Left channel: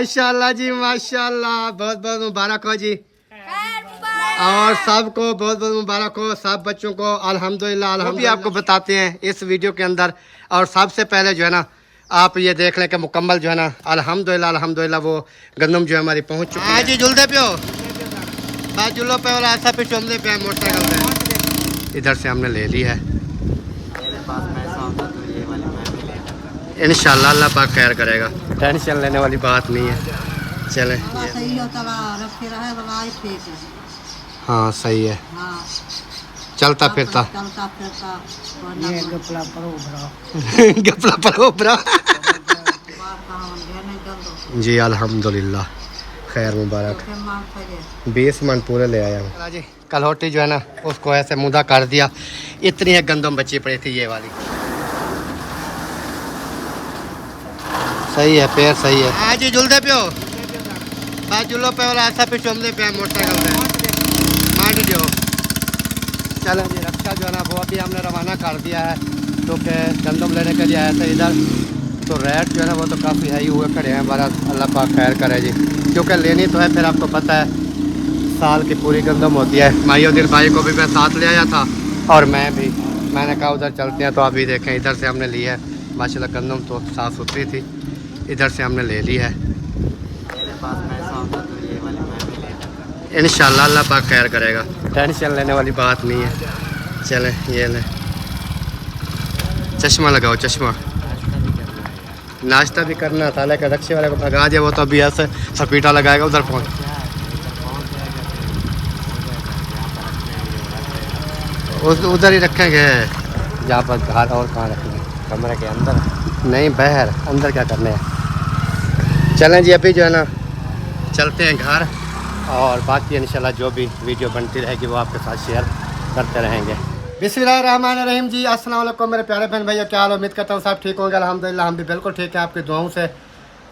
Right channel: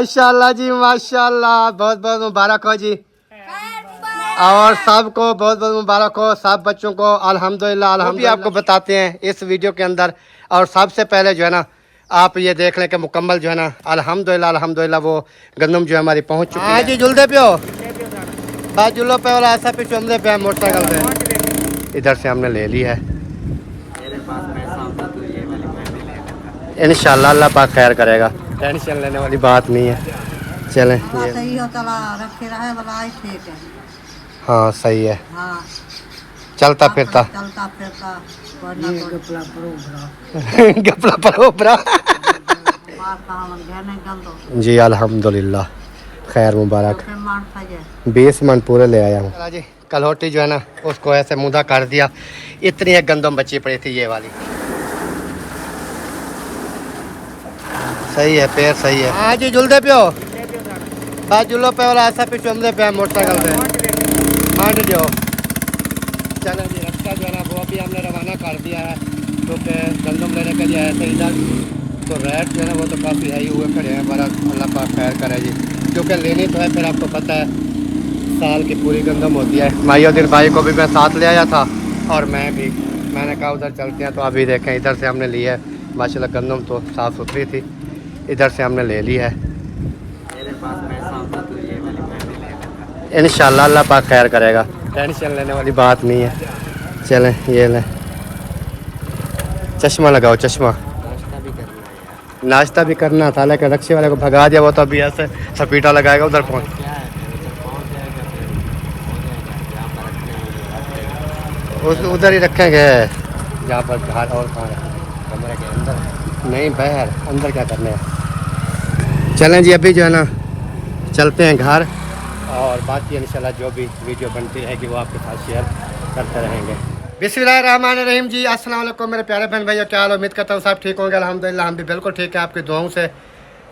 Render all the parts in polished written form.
माशाल्लाह जी माशाल्लाह, बहुत बहुत मुबारक हो जी। और सबको बहुत बहुत मुबारक हो, सब बच्चों को अल्हम्दुलिल्लाह अल्हम्दुलिल्लाह। आपको बताते हैं इस वीडियो के अंदर। और सबसे पहले जो है ना आप ये देख लें कि मुकम्मल जो है ना अल्हम्दुलिल्लाह अल्हम्दुलिल्लाह वो गंदम जो है हमारी पहुंच चुकी है। हाँ जी जुलदे पे हो बात जुल्लो पे और ऐसा पे चुमदे पे मोटरसाइकिल पे इधर से हमने ले ली है। इंशाल्लाह अल्लाह पाक खैर करेगा, टेंशन लेने वाली बात नहीं है। चलें सही हो तला रखे रहे वाला ठीक है। हाँ सही है, हाँ चलता फिरता चलता फिरता गपला परोबरा जी अल्हम्दुलिल्लाह खैर मुबारक। 20 मन पूरे ले आया हूँ जी। कलहोटी जो है ना उसको ऐसे मुदा कर दिया, इतनी एक गंदम बची पड़ी थी ये वाली। सही है पैर सही है। हाँ जी जुलदे पे हो बात जुल्लो पे वाला ऐसा पे चुमदे पे मोटरसाइकिल पे मार दो। चलो जी रक्षा जो है ना वो अभी हमने रवाना कर दिया है क्योंकि गंदम लेने के लिए आया था इधर। तो रेट जो है ना वो तो काफ़ी हाई हुए खड़े हैं, बड़ा अल्लाह पाक खैर करे जी, क्योंकि लेनी तो है। फिर आपको पता है साल की पूरी गंदम होती है। माहिउद्दीन भाई को भी मैं साथ ले आया था और मैंने कहा उधर चलते हैं। तो अभी देखें इधर से हमने ली है माशाल्लाह गंदम तो साफ़ सुथरी थी, इधर से हमने ले ली है। इंशाल्लाह अल्लाह पाक खैर करेगा, टेंशन लेने वाली बात नहीं है। चलें ये लें, चश्मा लगाओ चश्मा। नाश्ता भी करना था लेकिन रक्शे वाले को भगा दिया, वो तो अभी ऐसे सपीटा लगाएगा उधर पहुँच। उधर ही रखेंगे जहाँ पर बाहर, और कहाँ रखेंगे कमरे के अंदर नहीं बाहर, अंदर क्या करने हैं। चलें जी अभी जो है ना चलते हैं घर और बाकी इंशाल्लाह जो भी वीडियो बनती रहेगी वो आपके साथ शेयर करते रहेंगे। बिस्मिल्लाहिर्रहमानिर्रहीम जी अस्सलाम वालेकुम मेरे प्यारे बहन भैया, क्या हाल, उम्मीद करता हूँ सब ठीक होंगे। अल्हम्दुलिल्लाह हम भी बिल्कुल ठीक है, आपकी दुआओं से।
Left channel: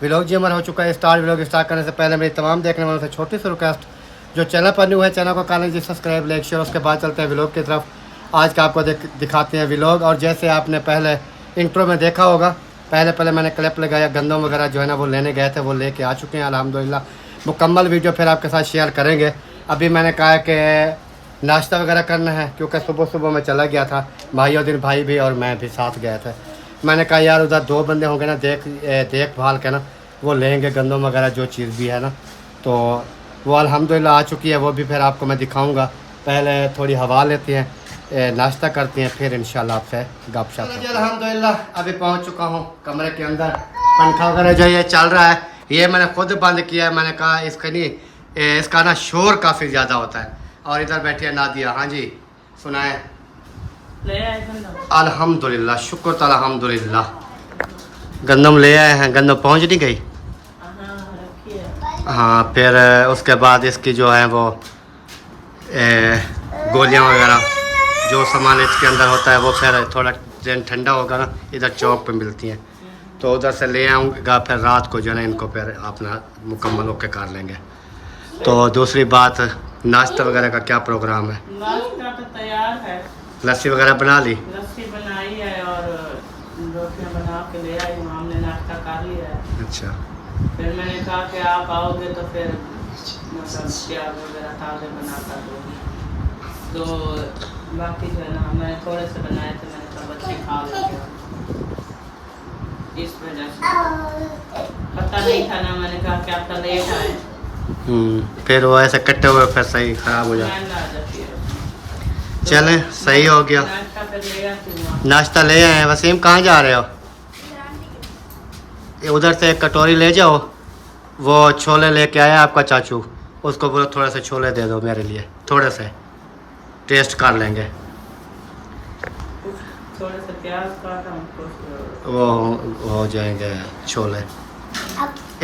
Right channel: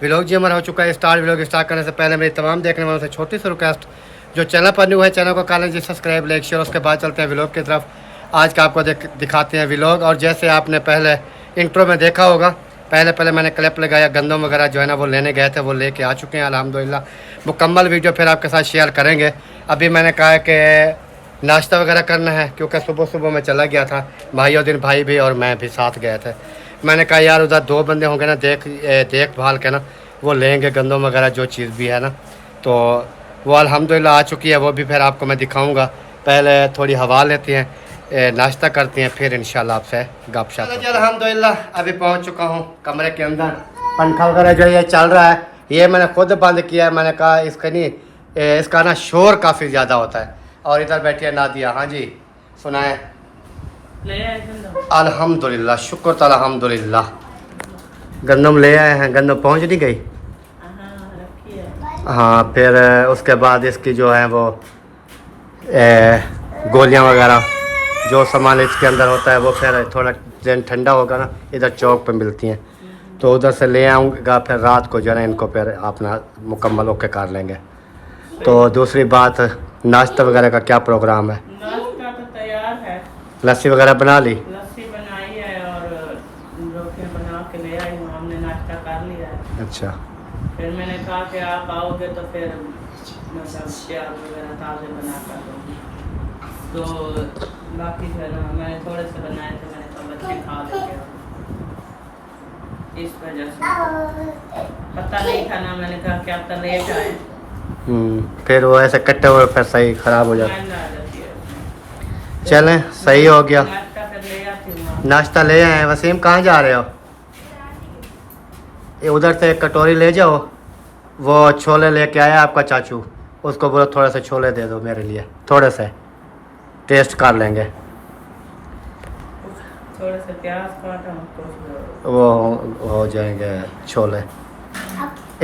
व्लॉग जी हमारा हो चुका है स्टार्ट। व्लॉग स्टार्ट करने से पहले मेरी तमाम देखने वालों से छोटी सी रिक्वेस्ट, जो चैनल पर न्यू है चैनल को कर लीजिए सब्सक्राइब लाइक शेयर। उसके बाद चलते हैं व्लॉग की तरफ। आज का आपको दिखाते हैं व्लॉग। और जैसे आपने पहले इंट्रो में देखा होगा, पहले मैंने क्लिप लगाया गंदम वगैरह जो है ना वो लेने गए थे, वो लेके आ चुके हैं अल्हम्दुलिल्लाह। मुकम्मल वीडियो फिर आपके साथ शेयर करेंगे। अभी मैंने कहा कि नाश्ता वगैरह करना है क्योंकि सुबह सुबह मैं चला गया था, माहिउद्दीन भाई भी और मैं भी साथ गए थे। मैंने कहा यार उधर 2 बंदे होंगे ना देखभाल के ना, वो लेंगे गंदम वगैरह जो चीज़ भी है ना। तो वो अल्हम्दुलिल्लाह आ चुकी है, वो भी फिर आपको मैं दिखाऊँगा। पहले थोड़ी हवा लेते हैं, नाश्ता करते हैं, फिर इंशाल्लाह आपसे गपशप। अल्हम्दुलिल्लाह अभी पहुंच चुका हूं कमरे के अंदर। पंखा वगैरह जो ये चल रहा है ये मैंने खुद बंद किया है। मैंने कहा इसका ना शोर काफ़ी ज़्यादा होता है। और इधर बैठी है नादिया। हाँ जी सुनाए। अल्हम्दुलिल्लाह शुक्र तो अल्हम्दुलिल्लाह गंदम ले आए हैं। गंदम पहुँच नहीं गई? हाँ फिर उसके बाद इसकी जो है वो गोलियाँ वगैरह जो सामान इसके अंदर होता है वो फिर थोड़ा दिन ठंडा होगा ना इधर चौक पे मिलती हैं, तो उधर से ले आऊँगा। फिर रात को जो है ना इनको फिर अपना मुकम्मल ओके कर लेंगे। तो दूसरी बात नाश्ता वगैरह का क्या प्रोग्राम है? नाश्ता तो तैयार है, लस्सी वगैरह बना ली? लस्सी बनाई है और रोटियां बना के ले आई हूँ, हमने नाश्ता कर लिया है। अच्छा फिर मैंने कहा कि आप आओगे तो फिर मतलब प्याज वगैरह ताज़े बना कर दूँगी। तो बाकी जो है ना मैंने थोड़े से बनाए थे, मैंने तो बच्चे खा लेंगे इस वजह से। पता नहीं था ना, मैंने कहा कि आप तो लेट आए। फिर वो ऐसे कट्टे हुए फिर सही ख़राब हो जाता है। चलें सही हो गया। नाश्ता फिर ले आती हूँ। नाश्ता ले आए हैं। वसीम कहाँ जा रहे हो? ये उधर से एक कटोरी ले जाओ, वो छोले लेके आया आपका चाचू, उसको बोलो थोड़े से छोले दे दो मेरे लिए, थोड़े से टेस्ट कर लेंगे। थोड़े से प्याज काटा उसको, वो हो जाएंगे छोले।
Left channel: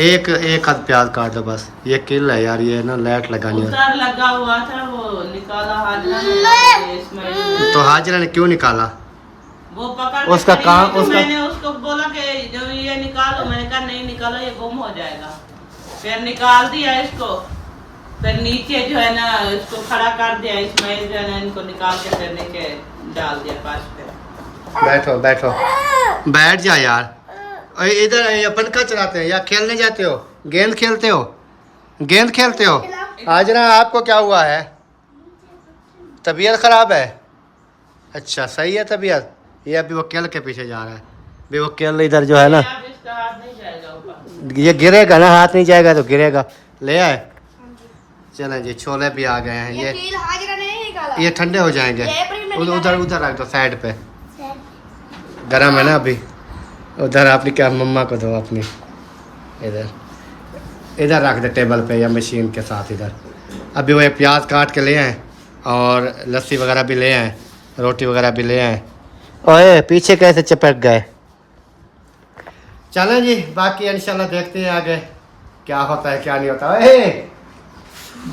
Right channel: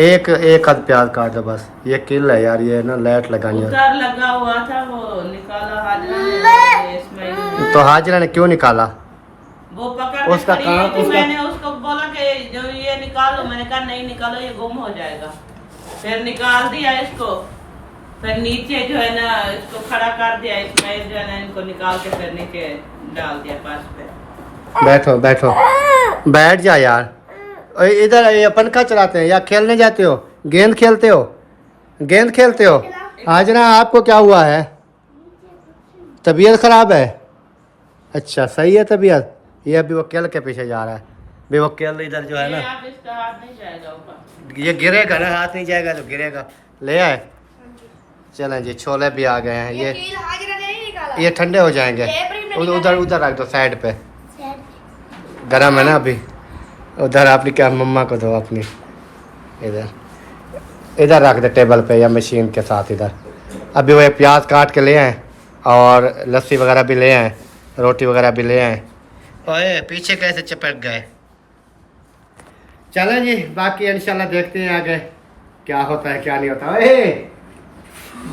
एक आध प्याज काट दो बस। ये किल है यार, ये ना लाइट लगानी है। उधर लगा हुआ था वो निकाला हाजरा ने, इसमें तो हाजरा ने क्यों निकाला? वो पकड़ उसका काम उसका मैंने उसको बोला कि जो ये निकालो, मैंने कहा नहीं निकालो ये गुम हो जाएगा। फिर निकाल दिया इसको, फिर नीचे जो है ना इसको खड़ा कर दिया। इस्माइल जो है ना इनको निकाल के फिर नीचे डाल दिया पास पे। बैठो बैठो बैठ जा यार। इधर ये पंखा चलाते हैं या खेलने जाते हो? गेंद खेलते हो? गेंद खेलते हो? आज ना आपको क्या हुआ है? तबीयत खराब है? अच्छा सही है तबीयत। ये अभी वो केल के पीछे जा रहा है। भी वो केल इधर जो है ना, अब इसका हाथ नहीं जाएगा ऊपर। ये गिरेगा ना, हाथ नहीं जाएगा तो गिरेगा। ले आए? चलें जी, छोले भी आ गए हैं। ये ठंडे हो जाएंगे। उधर उधर रख दो साइड पे, गर्म है ना अभी। उधर अपनी क्या मम्मा को दो अपनी। इधर इधर रख दे टेबल पे या मशीन के साथ इधर। अभी वो एक प्याज काट के ले आए और लस्सी वगैरह भी ले आए, रोटी वगैरह भी ले आए। ओए पीछे कैसे चपक गए। चलें जी, बाकी इंशाल्लाह देखते हैं आगे क्या होता है क्या नहीं होता। ए,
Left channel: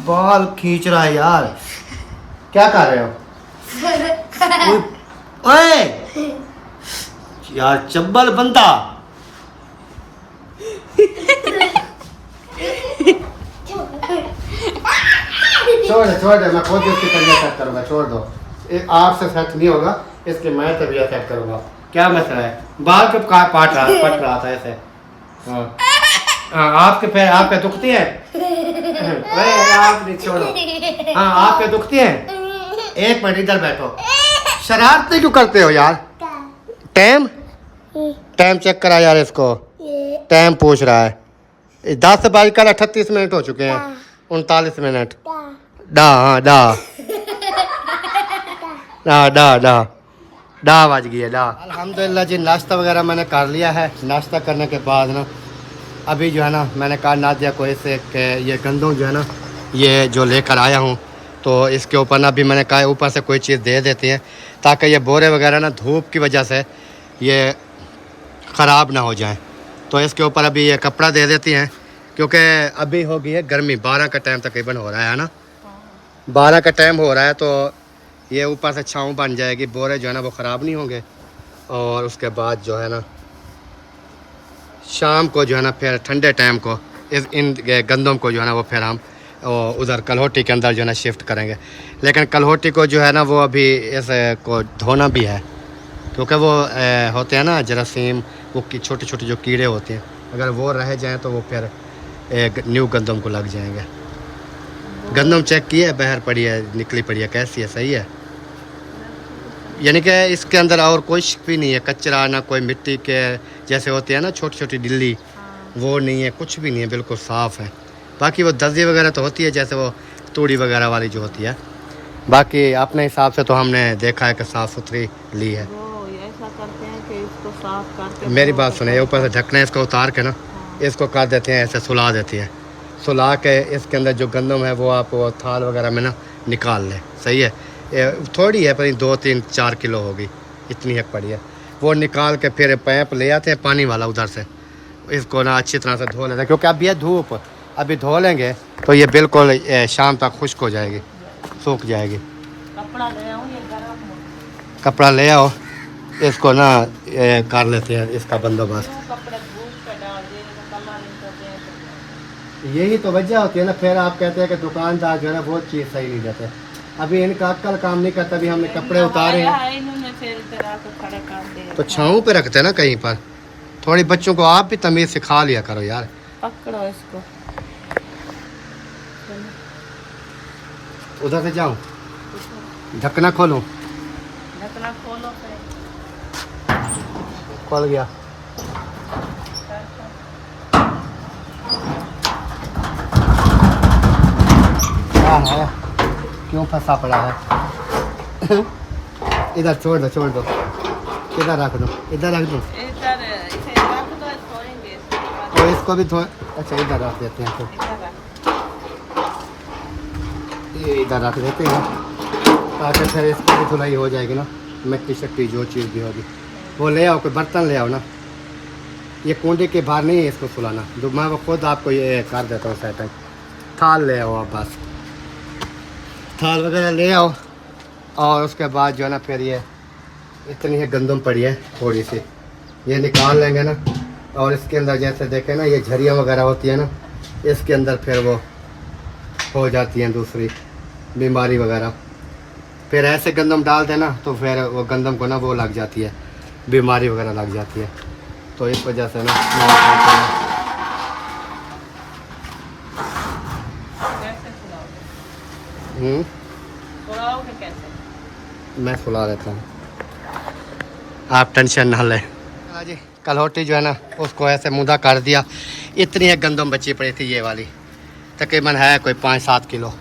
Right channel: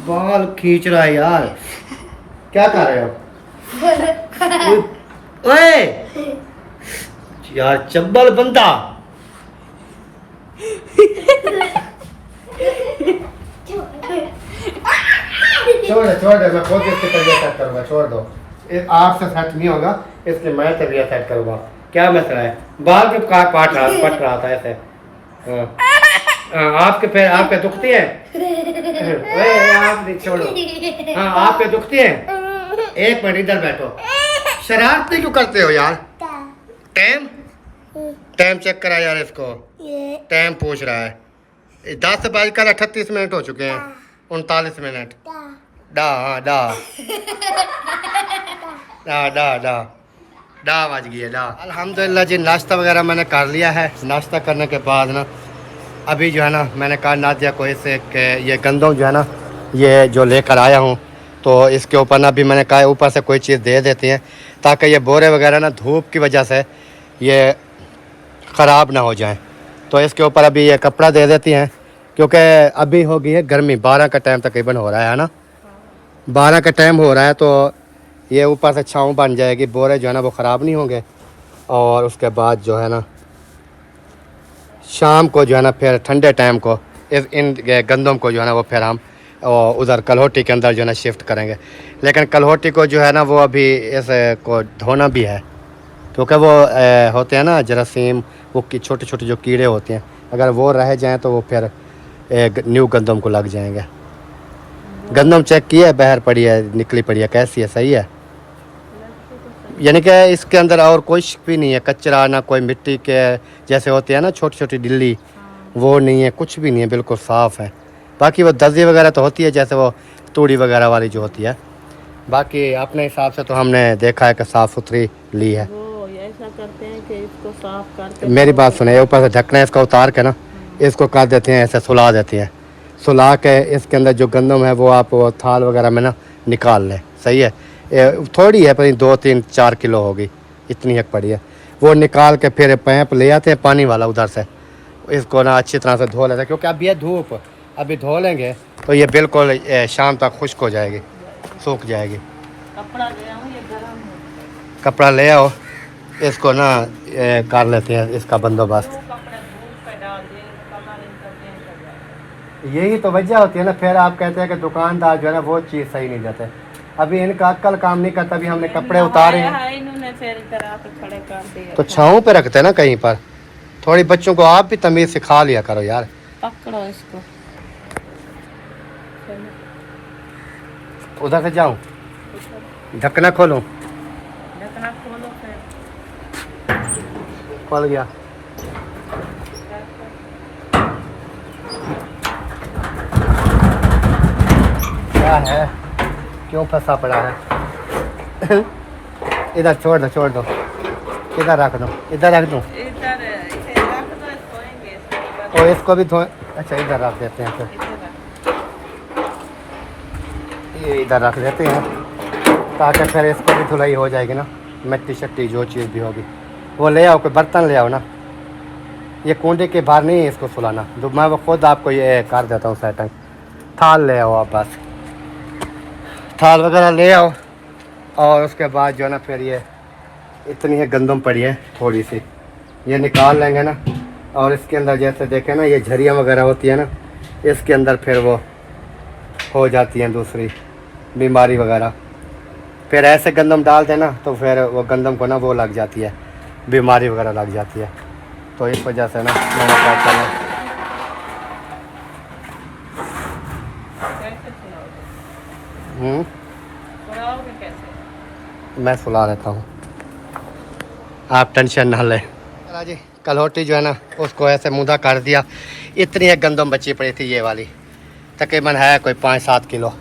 बाल खींच रहा है यार, क्या कर रहे हो? ओए यार चब्बल बनता। छोड़ दे, मैं खुद इसकी तबीयत सेट करूँगा। छोड़ दो, आपसे सेट नहीं होगा, इसकी मैं तबीयत सेट करूँगा। क्या मसला है? बाल के पट रहा था ऐसे। हाँ आपके पैर आपके दुखती हैं? आप नहीं छोड़ो। हाँ आपके दुखती हैं? एक मिनट इधर बैठो। शरारती क्यों करते हो यार? टाइम टाइम चेक करा यार इसको। टाइम पूछ रहा है। 10 से 38 मिनट हो चुके हैं। 39 मिनट। हाँ डा बज गई है डा। अल्हम्दुलिल्लाह जी, नाश्ता वगैरह मैंने कर लिया है। नाश्ता करने के बाद ना अभी जो है ना मैंने कहा नादिया को इससे कि ये गंदम जो है ना ये जो लेकर आया हूँ, तो इसके ऊपर ना अभी मैंने कहा ऊपर से कोई चीज़ दे देती हैं ताकि ये बोरे वगैरह ना धूप की वजह से ये ख़राब ना हो जाएं। तो इसके ऊपर अभी ये कपड़ा दे देती हैं, क्योंकि अभी हो गई है गर्मी। 12 का टाइम तकरीबन हो रहा है ना, 12 का टाइम हो रहा है। तो ये ऊपर से छाँव बन जाएगी, बोरे जो है ना वो ख़राब नहीं होंगे। और उसके बाद जो है ना शाम को जो है ना फिर ठंडे टाइम को इन गंदम को जो है ना वो फिर हम उधर कलहोटी के अंदर जो है ना शिफ्ट करेंगे। लेकिन कलहोटी को जो है ना वो अभी इस को धोना भी है, क्योंकि वो होते हैं ना जरासीम, वो छोटे छोटे जो कीड़े होते हैं, अगर वो रह जाएं तो वो फिर न्यू गंदम को लग जाएंगे। गंदम चेक किया है, बाहर पड़ी है, निकली पड़ी है, कैसी है? सही है? यानी कि इसके अंदर और कोई भी नहीं है, कचरा ना कोई मिट्टी के जैसे होते हैं ना छोटी छोटी डिल्ली, वो नहीं है, कुछ भी नहीं है, बिल्कुल साफ़ है। बाकी वो दर्जी वगैरह तो होती है जैसे वो तूड़ी वगैरह वाली जो होती है। बाकी अपने हिसाब से तो हमने देखा है कि साफ़ सुथरी ली है। वो ऐसा करते हैं कि इसको साफ करके मेरी बात सुने, ऊपर से ढकना है इसका उतार के ना इसको कर देते हैं, ऐसे सुला देते हैं। सुला के इसके अंदर जो गंदम है वो आप वो थाल वगैरह में ना निकाल लें। सही है? थोड़ी है, पर 2-3-4 किलो होगी, इतनी एक पड़ी है। वो निकाल के फिर पैप ले आते हैं पानी वाला उधर से, इसको ना अच्छी तरह से धो लेते हैं, क्योंकि अब ये धूप अभी धो लेंगे तो ये बिल्कुल शाम तक खुश्क हो जाएगी, सूख जाएगी। कपड़ा ले आऊं, ये गरम है। कपड़ा ले आओ, इसको ना कर लेते हैं इसका बंदोबस्त। कपड़े धूल पे डाल देंगे, यही तो वजह होती है ना, फिर आप कहते हैं कि दुकानदार जो है ना वो चीज़ सही नहीं देते। अभी इनका अक्ल काम नहीं करता, अभी हमने कपड़े उतारे हैं इन्होंने फिर करा के खड़े कर दिए। तो छाँव पे रखते हैं ना कहीं पर। थोड़ी बच्चों को आप भी तमीज़ सिखा लिया करो यार। पकड़ो इसको। उधर से जाऊं, ढकना खोलूं? ढकना खोलो फिर। खोल गया। क्या है, क्यों फंसा पड़ा है? इधर छोड़ दो, इधर रख दो, इधर रख दो। इधर इसे रख दो, धोएंगे इसको। और इसको भी धोए। अच्छा इधर रख देते हैं, फिर ये इधर रख देते हैं ताकि फिर इसको भी धुलाई हो जाएगी ना, मिट्टी शट्टी जो चीज़ भी होगी। वो ले आओ, कोई बर्तन ले आओ ना, ये कुंडे के बाहर नहीं है इसको सुलाना, तो मैं वो खुद आपको ये कर देता हूँ सेटिंग। थाल ले आओ आप, बस थाल वगैरह ले आओ। और उसके बाद जो है ना फिर ये इतनी है गंदम पड़ी है थोड़ी सी, ये निकाल लेंगे ना। और इसके अंदर जैसे देखें ना ये झरियाँ वगैरह होती है ना, इसके अंदर फिर वो हो जाती हैं दूसरी बीमारी वगैरह। फिर ऐसे गंदम डाल देना तो फिर वो गंदम को ना वो लग जाती है, बीमारी वगैरह लग जाती है। तो इस वजह से ना मैंने कहा चलो सुलाओगे कैसे? मैं सुला लेता हूँ, आप टेंशन ना लें। चला जी, कलहोटी जो है ना उसको ऐसे मुद्दा कर दिया। इतनी एक गंदम बची पड़ी थी, ये वाली तकरीबन है कोई 5-7 किलो,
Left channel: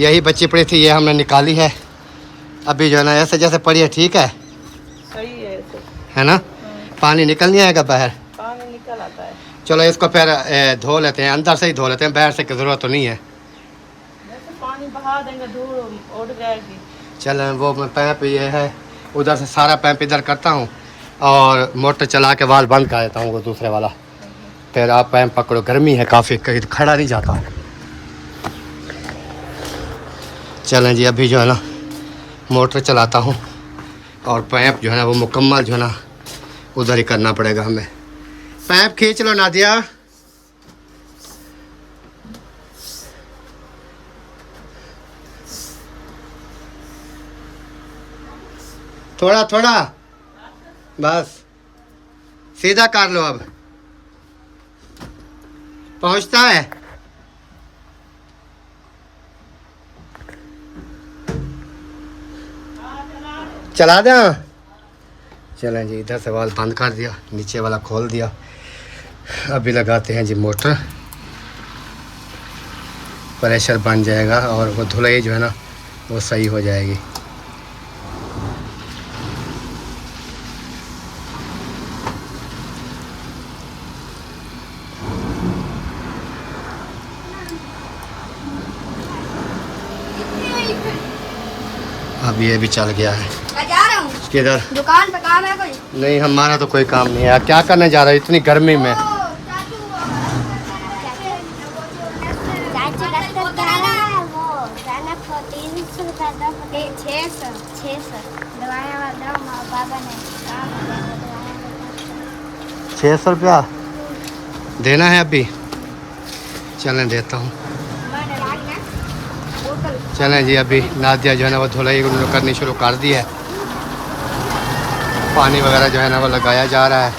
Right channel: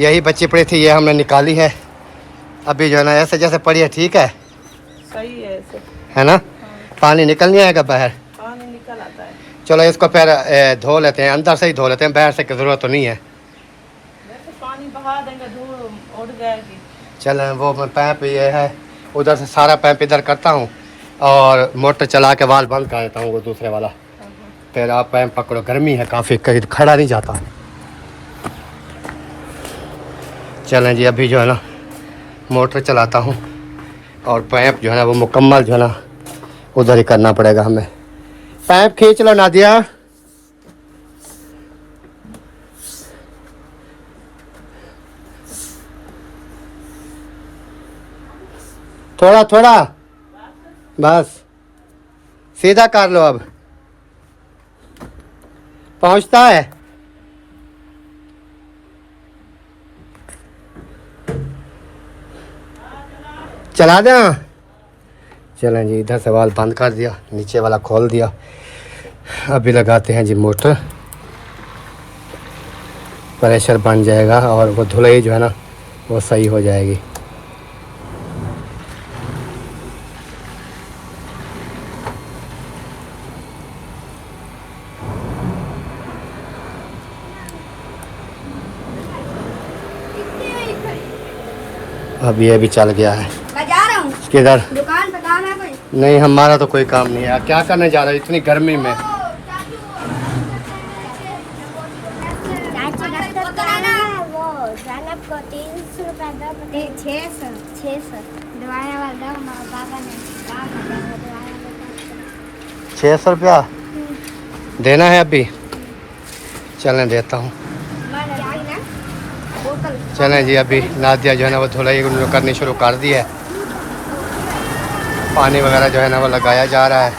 यही बची पड़ी थी, ये हमने निकाली है। अभी जो है ना ऐसे जैसे पड़ी है, ठीक है, सही है ऐसे। है ना। पानी निकल नहीं आएगा बाहर। पानी निकल आता है। चलो इसको फिर धो लेते हैं, अंदर से ही धो लेते हैं, बाहर से की ज़रूरत तो नहीं है। वैसे पानी बहा देंगे, धूल उड़ जाएगी। चलो वो मैं पैप ये है, उधर से सारा पैप इधर करता हूँ और मोटर चला के वाल बंद कर देता हूँ वो दूसरे वाला। फिर आप पैप पकड़ो, गर्मी है काफ़ी, कहीं खड़ा नहीं जाता। चलें जी, अभी जो है ना मोटर चलाता हूँ और पैप जो है ना वो मुकम्मल जो है ना उधर ही करना पड़ेगा हमें। पैप खींच लो नादिया। थोड़ा थोड़ा बस, सीधा कर लो। अब पहुंचता है। चला दो। चलें जी, इधर से वाल बंद कर दिया, नीचे वाला खोल दिया। अभी लगाते हैं जी मोटर, प्रेशर बन जाएगा और वो धुलाई जो है ना वो सही हो जाएगी। अब ये भी चल गया है। किधर? दुकान पे काम है कोई? नहीं, हमारा तो कोई काम नहीं है। क्या करने जा रहे हो इतनी गर्मी में? ₹600 देना है अभी? चलें देता हूँ। चलें जी, अभी नादिया जो है ना वो धुलाई उन्होंने करनी शुरू कर दी है। पानी वगैरह जो है ना वो लगाया जा रहा है।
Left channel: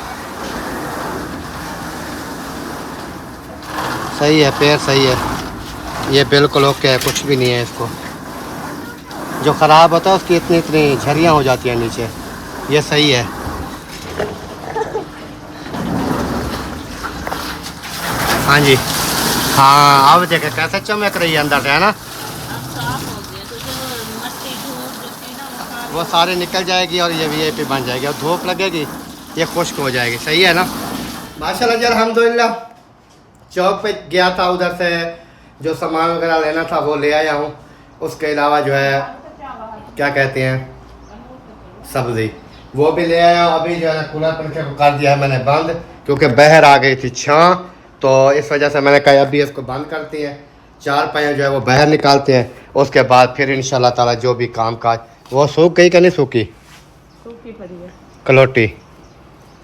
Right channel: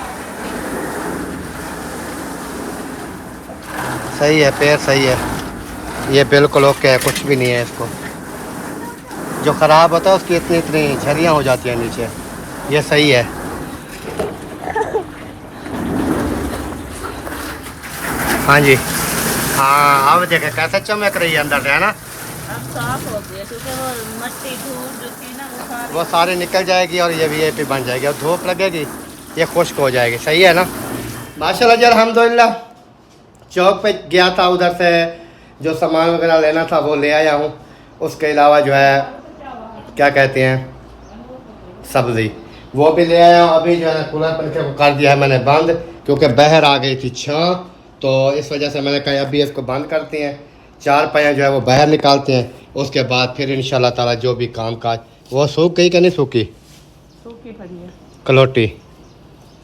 सही है, पैर सही है, ये बिल्कुल ओके है, कुछ भी नहीं है इसको। जो ख़राब होता है उसकी इतनी इतनी झरियाँ हो जाती हैं नीचे, ये सही है। हाँ जी, हाँ अब देखें कैसे चमक रही है अंदर से, है ना। साफ हो गया, क्योंकि वो मट्टी धूल जो थी ना वो सारे निकल जाएगी और ये वीआईपी बन जाएगी और धूप लगेगी, ये खुश्क हो जाएगी। सही है ना। माशाल्लाह जी, अल्हम्दुलिल्लाह। चौक पे गया था, उधर से जो सामान वगैरह लेना था वो ले आया हूँ। उसके अलावा जो है क्या कहते हैं सब्ज़ी, वो भी ले आया हूँ। अभी जो है कूलर पंखे को कर दिया है मैंने बंद, क्योंकि बाहर आ गई थी छाँ, तो इस वजह से मैंने कहा अभी इसको बंद करते हैं। 4 पहिया जो है वो बाहर निकालते हैं, उसके बाद फिर इंशाल्लाह ताला जो भी काम काज। वो सूख गई कि नहीं सूखी? सूखी पड़ी है। कलोटी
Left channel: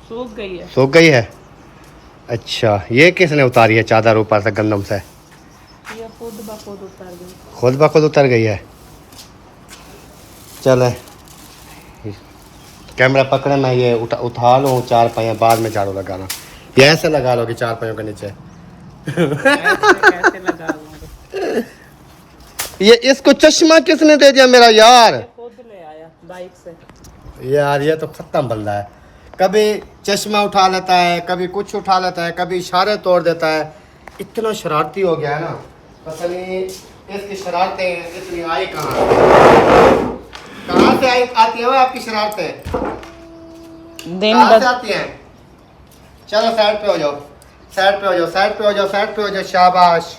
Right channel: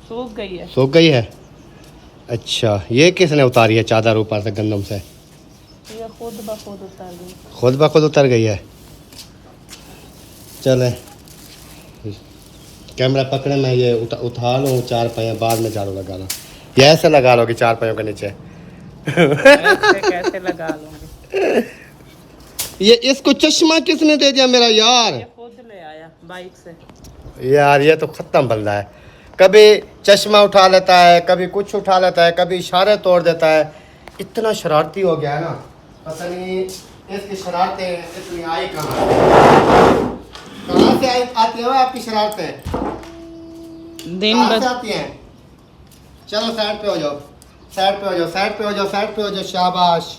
सूख गई है। सूख गई है। अच्छा, ये किसने उतारी है चादर ऊपर से गंदम से? ये खुद ब खुद उतर गई। खुद ब खुद उतर गई है। चले कैमरा पकड़े, मैं ये उठा लूँ 4 पहिया, बाद में झाड़ू लगाना। ये ऐसे लगा लो कि 4 पहियों के नीचे कैसे लगा लूंगा? ये इसको चश्मा किसने दे दिया मेरा यार? खुद ले आया बाइक से। यार ये तो ख़त्म बंदा है, कभी चश्मा उठा लेता है, कभी कुछ उठा लेता है, कभी इशारे तोड़ देता है। इतना शरारती हो गया है ना, पता नहीं इसकी शरारतें इतनी आई कहाँ से आती है आपकी शरारतें? दिन कहाँ से भर आती हैं? चलो साइड पे हो जाओ, साइड पे हो जाओ, साइड पे हो जाओ, साइड पे हो जाओ। शाबाश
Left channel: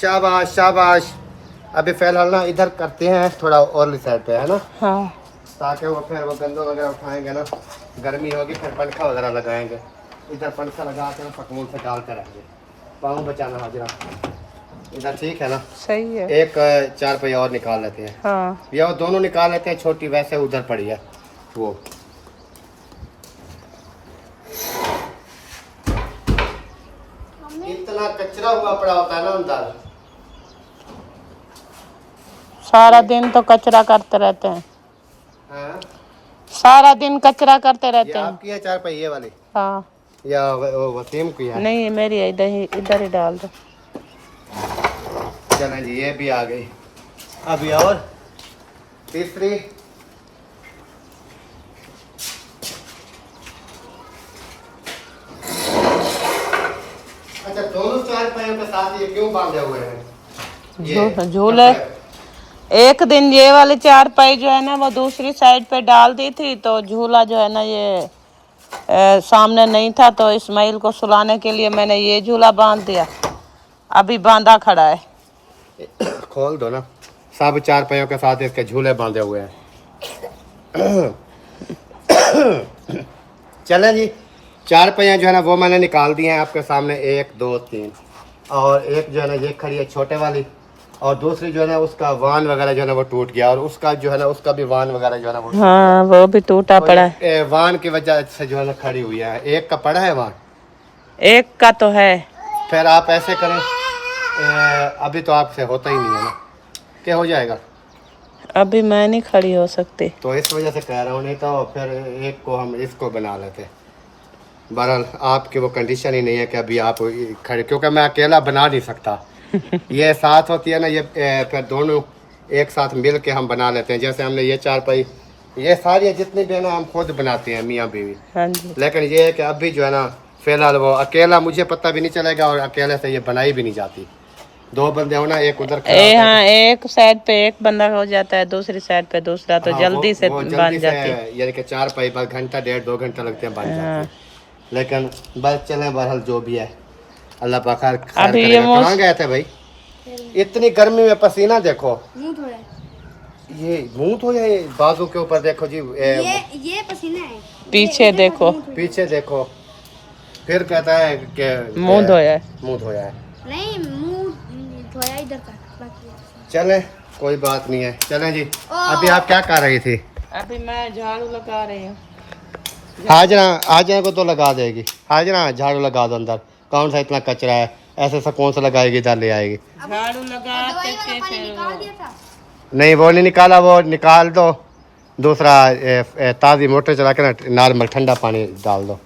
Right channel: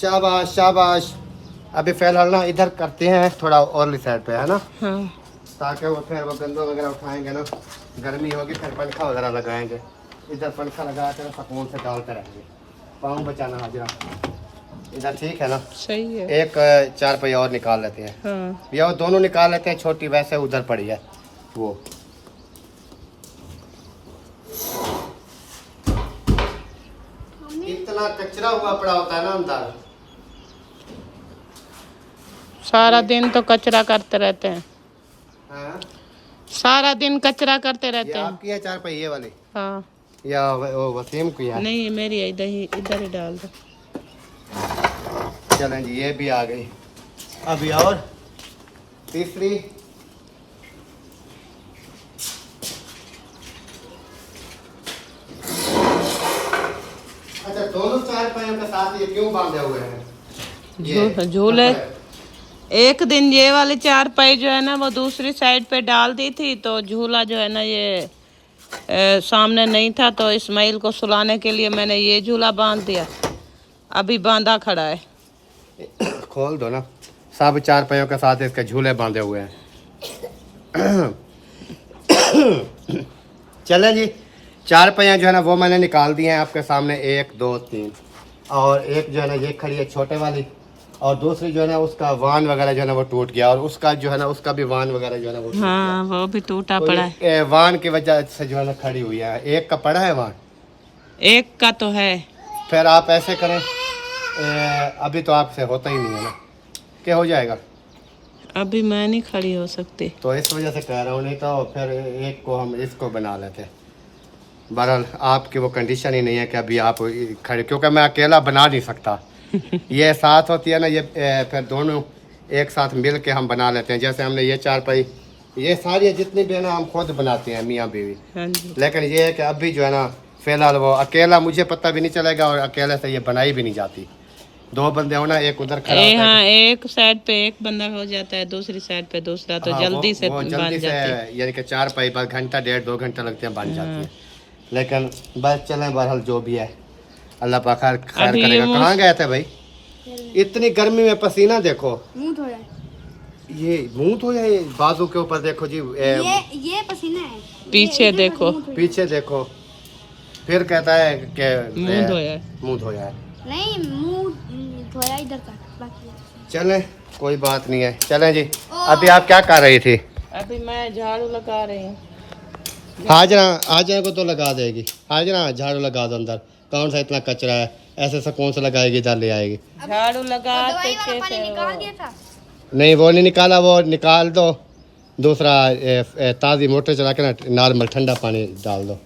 शाबाश शाबाश। अभी फिलहाल ना इधर करते हैं थोड़ा और साइड पे, है ना। हाँ, ताकि वो फिर वो गंदो वगैरह उठाएंगे ना, गर्मी होगी फिर पंखा वगैरह लगाएंगे। इधर पंखा लगा के पकवान से डालते रहेंगे। पाँव बचाना हाजिरा इधर, ठीक है ना। सही है। एक 4 पहिया और निकाल लेते हैं। हाँ, ये वो दोनों निकाल लेते हैं, छोटी वैसे उधर पड़ी है वो। इतना कचरा हुआ पड़ा होता है ना अंदर। सारा दिन तो कचरा करते रहते हैं। हाँ? सारा दिन कचरा करते ये रहते हैं। आपकी है 4 पहिए वाली हाँ, या वो वसीम की है? नहीं मेरी है, इधर ही डाल दो। चलें जी, ये भी आ गई। अभी और तीसरी। अच्छा, दोनों चारपाइयों के साथ ये क्यों बांधे हुए हैं? झूले एक दिन ये वाली चारपाई जो है ना वो दूसरी साइड पे डाल दी थी, तो झूला जो है ना ये सामने नहीं था, तो इस्माइल को सुलाने के लिए मैंने ये झूला बांध दिया। अभी बांधा खड़ा है। खोल दो ना। सब चारपाइयों के साथ इसके झूले बांधे हुए हैं। चलें जी, चारपाइयाँ जो है ना वो मैंने निकाल दी हैं आपके सामने। 1 2 3 और एक जो है ना ये खड़ी है छोटे वाली, और दूसरी जो है ना उसका वान वगैरह जो है ना वो टूट गया, और उसका जो है ना उसका भी वान वगैरह जो है ना वो हाँ वो भी टूटा तो पड़ा है। वान की वजह से जो है ना खड़ी हुई है। एक का पड़ा है वान, एक का तो है। फिर आप ऐसे करें, अभी तो आपसे होता ही नहीं है ना, क्या हो जाएगा? अभी मैं नहीं खड़ी हो सकती, तो इस वजह से कह रहा हूँ, नहीं तो फिर एक को हम इसको बना लेते। बहरहाल आपकी वो कंडीशन ही नहीं है कि अभी आप खड़े, क्योंकि मैं अकेला बना नहीं सकता। ये साथ होती है ना, ये फिर दोनों एक साथ मिल के हम बना लेते हैं। जैसे हमने ये चारपाई, ये सारी जितनी भी है ना हम खुद बनाते हैं मियाँ बीवी। हाँ जी। लेकिन ये है कि अभी जो है ना फिलहाल वो अकेला, मुझे पता भी नहीं चलेगा, और अकेले से ये बनाई भी नहीं जाती। 2 बंदे हो ना, एक उधर खड़ा होता है। हाँ, एक साइड पे एक बंदा हो जाता है, दूसरी साइड पे दूसरा, तो हाँ, जल्दी से वो बन जाती है। यानी कि चारपाई बस घंटा 1.5 2 घंटा लगते हैं बन जाती है। लेकिन बस चले, बहरहाल जो भी है अल्लाह पाक खैर अभी करेगा। कहाँ गए थे भाई? इतनी गर्मी में पसीना देखो, ये मुंह धो जाए। बाजू के ऊपर देखो जी, ये पसीना है। पीछे देखो, पीछे देखो, फिर कहता है कि मुंह धोया है। मुंह धोया है। नहीं, मुंह धोया इधर का बाकी है। चले, कोई बात नहीं है, चलें जी। अभी आप क्या कर रही थी? अभी मैं झाड़ू लगा रही हूँ। हाजरा को तो लगा देगी। हाजरा झाड़ू लगा दो अंदर, कौन सा इतना कचरा है, ऐसे सा कौन सा लगाएगी, इधर ले आएगी। झाड़ू लगाते थे पानी फिर निकाल वो- दिया था। नहीं वो नहीं निकाला, वो निकाल दो। दूसरा ताज़ी मोटर चला के ना नॉर्मल ठंडा पानी डाल दो।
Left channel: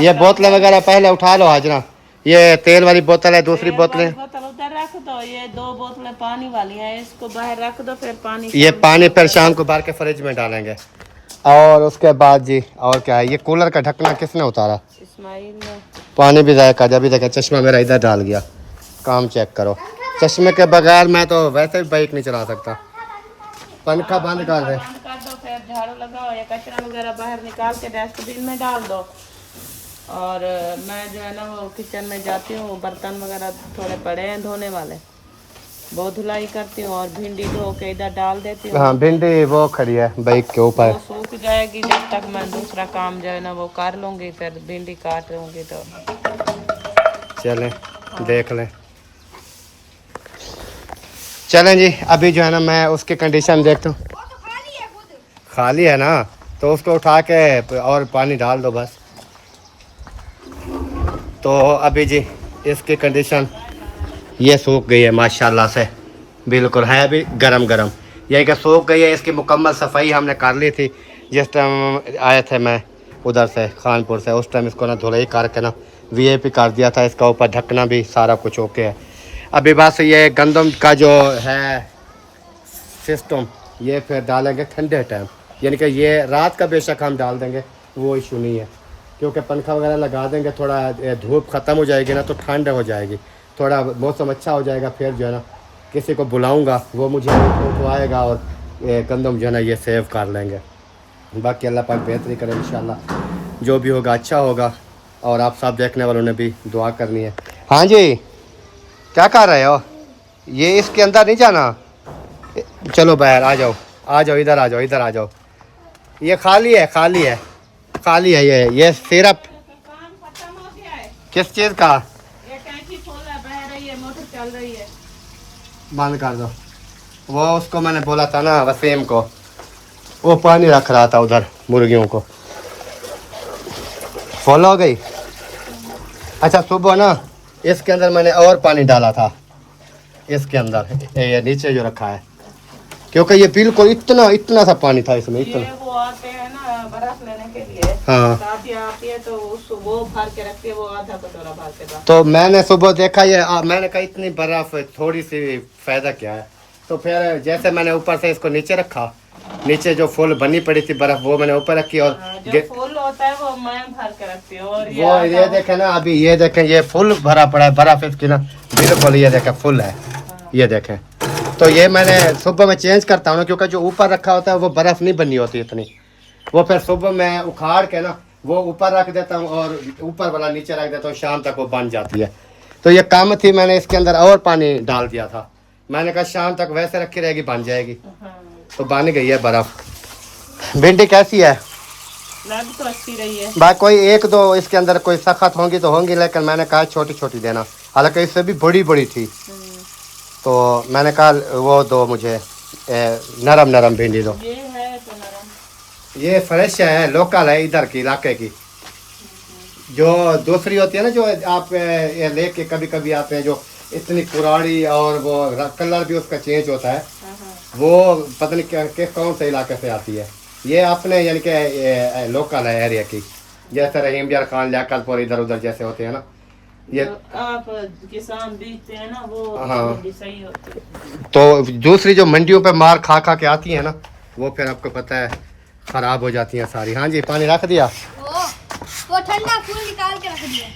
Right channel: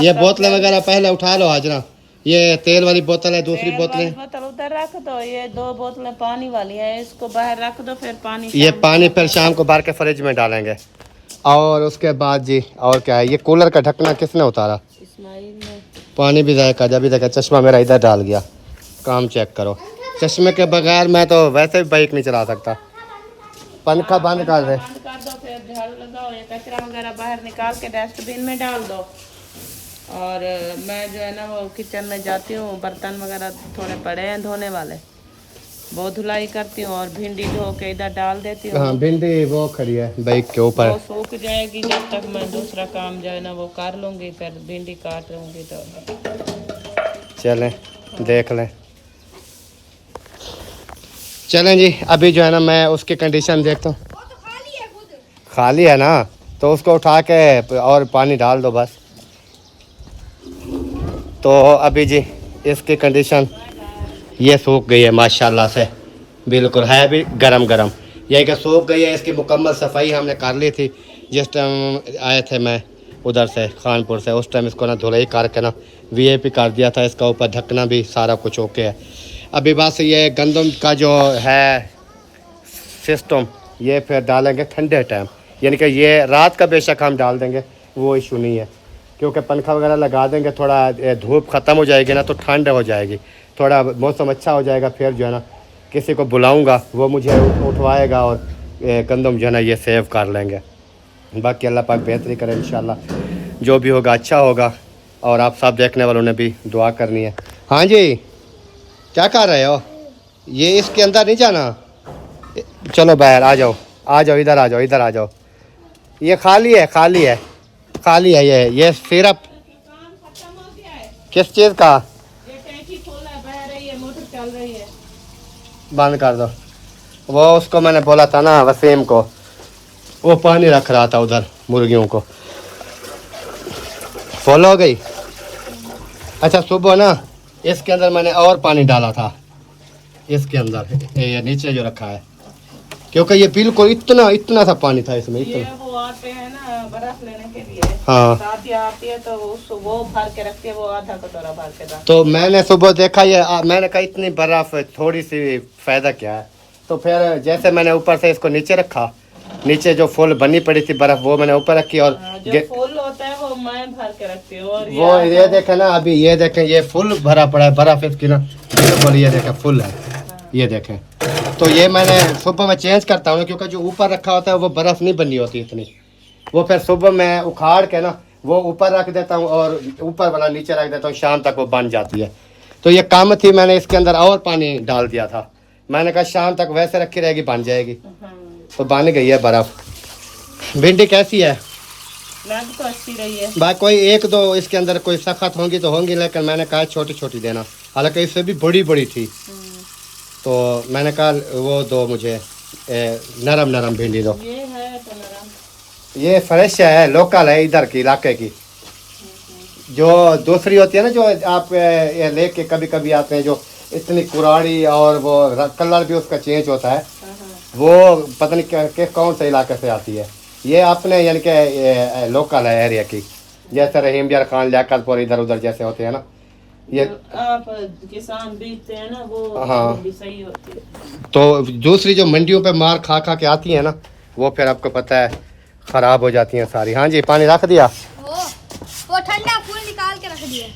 ये बोतलें वगैरह पहले उठा लो हाजरा। ये तेल वाली बोतल है, दूसरी बोतलें बोतल उधर रख दो। ये 2 बोतलें पानी वाली हैं, इसको बाहर रख दो, फिर पानी ये पानी फिर शाम को भर के फ्रिज में डालेंगे। और उसके बाद जी और क्या है, ये कूलर का ढक्कन किसने उतारा? इस्माइल ने। पानी भी जाए कर, अभी देखा चश्मा मेरा इधर डाल गया। काम चेक करो, चश्मे के बगैर मैं तो वैसे भी बाइक नहीं चला सकता। पंखा बंद कर दे। बंद कर दो, फिर झाड़ू लगाओ, ये कचरा वगैरह बाहर निकाल के डस्टबिन में डाल दो। और मैं जो है ना वो किचन में जाती हूँ, बर्तन वगैरह थोड़े पड़े हैं धोने वाले, वो धुलाई करती हूँ, और भिंडी धो के इधर डाल देती हूँ। हाँ, भिंडी वो खड़ी है बाइक के ऊपर। वो सूख जाएगी, जब तक मैं दूसरा काम जो है ना वो कर लूँगी, फिर भिंडी काट लूँगी। तो चलें देख लें। चलें जी, अभी जो है ना मैं उसकी कंडीशन देखता हूँ। खाली है ना, तो उसको उठा के और पानी डाल दो बस। तो अभी जी इसकी कंडीशन ये सूख गई है माशाल्लाह से, बिल्कुल है भी गरम गरम। ये कि सूख गई है, इसकी मुकम्मल सफाई हमने कर ली थी जिस टाइम आए थे मैं उधर से खानपुर से। उस टाइम इसको ना धुलाई करके ना वीआईपी कर दिया था। इसका ऊपर ढकना भी सारा कुछ ओके है। अभी बस ये गंदम का जो है सिस्टम, ये फिर डालेंगे ठंडे टाइम, यानी कि ये रात का बेशक हम डाल देंगे, वो इशू नहीं है। क्योंकि पंखा वगैरह लगा देंगे, थोड़ा धूप ख़त्म हो जाएगी ना तो ठंड हो जाएगी, थोड़ा मौसम अच्छा हो जाएगा। फिर जो है ना किसी को बुलाऊंगा, वो मुझे उठवाएगा और गंदम जो है ना ये सेव कर लेंगे। बाकी अल्लाह पाक बेहतरी करे इंशाल्लाह, जो भी होगा अच्छा होगा। और आप सब देखने वालों ने भी दुआ करनी है। हाँ जी, क्या कर रहे हो? ये इसके अंदर नहीं जाना, चलो बाहर आ जाओ, आ जाओ, इधर आ जाओ, इधर आ जाओ। ये खाली है, खाली है, खाली है। ये सिर्फ काम खत्म हो गया है। किस चीज़ का? ये टैंकी खोला बह रही है, मोटर चल रही है। बंद कर दो। वो उसको मैंने बोला था ना वसीम को, वो पानी रख रहा था उधर मुर्गियों को। फॉल हो गई। अच्छा सुबह ना इसके अंदर मैंने और पानी डाला था, इसके अंदर ये नीचे जो रखा है, क्योंकि ये बिल्कुल इतना इतना सा पानी था इसमें, इतना। ये वो आते हैं ना बर्फ लेने के लिए, हाँ, दादी आती है तो वो भर के रखती है, वो आधा कटोरा भर के दा। तो मैंने सुबह देखा ये मैंने कहा इतनी बर्फ थोड़ी सी फायदा क्या है। तो फिर जैसे मैंने ऊपर से इसको नीचे रखा, नीचे जो फुल बनी पड़ी थी बर्फ वो मैंने ऊपर रखी और जो फूल होता है वो मैं भर के रखती हूँ। और वो ये देखें ना, अभी ये देखें ये फुल भरा पड़ा है बर्फ इसकी ना, बिल्कुल ये देखें फुल है, ये देखें। तो ये मैंने सुबह में चेंज करता हूँ ना, क्योंकि जो ऊपर रखा होता है वो बर्फ़ नहीं बनी होती इतनी, वो फिर सुबह मैं उखाड़ के ना वो ऊपर रख देता हूँ और ऊपर वाला नीचे रख देता हूँ, शाम तक वो बन जाती है। तो ये कम थी, मैंने इसके अंदर और पानी डाल दिया था, मैंने कहा शाम तक वैसे रखी रहेगी बन जाएगी, तो बन गई है बर्फ़। भिंडी कैसी है? लग तो अच्छी रही है। बाकी कोई एक दो इसके अंदर कोई सख्त होंगी तो होंगी, लेकिन मैंने कहा छोटी छोटी देना, हालांकि इससे भी बड़ी बड़ी थी, तो मैंने कहा वो दो मुझे नरम नरम भिंडी दो। ये है तो नरम, ये फ्रेश है, लोकल है इधर की इलाके की। जो दूसरी होती है ना, जो आप ये लेके कभी कभी आते हैं, जो इतनी कुराड़ी और वो कलर भी उसका चेंज होता है, वो पता नहीं कौन से इलाके से आती है। ये अपने यानी कि लोकल है एरिया की, जैसे रहीम यार खान लियाकतपुर इधर उधर जैसे होते हैं ना, ये आप किसान बीजते हैं ना वो हाँ। भिंडी सही होती है। तो दूसरी जो मंडियों पे मार खा खा के आती है ना, वो फिर आपको पता है ख़राब हो जाती हैं सारी। हाँ जी, पानी रख दिया, वो ठंडा फूल निकाल के रख दिया।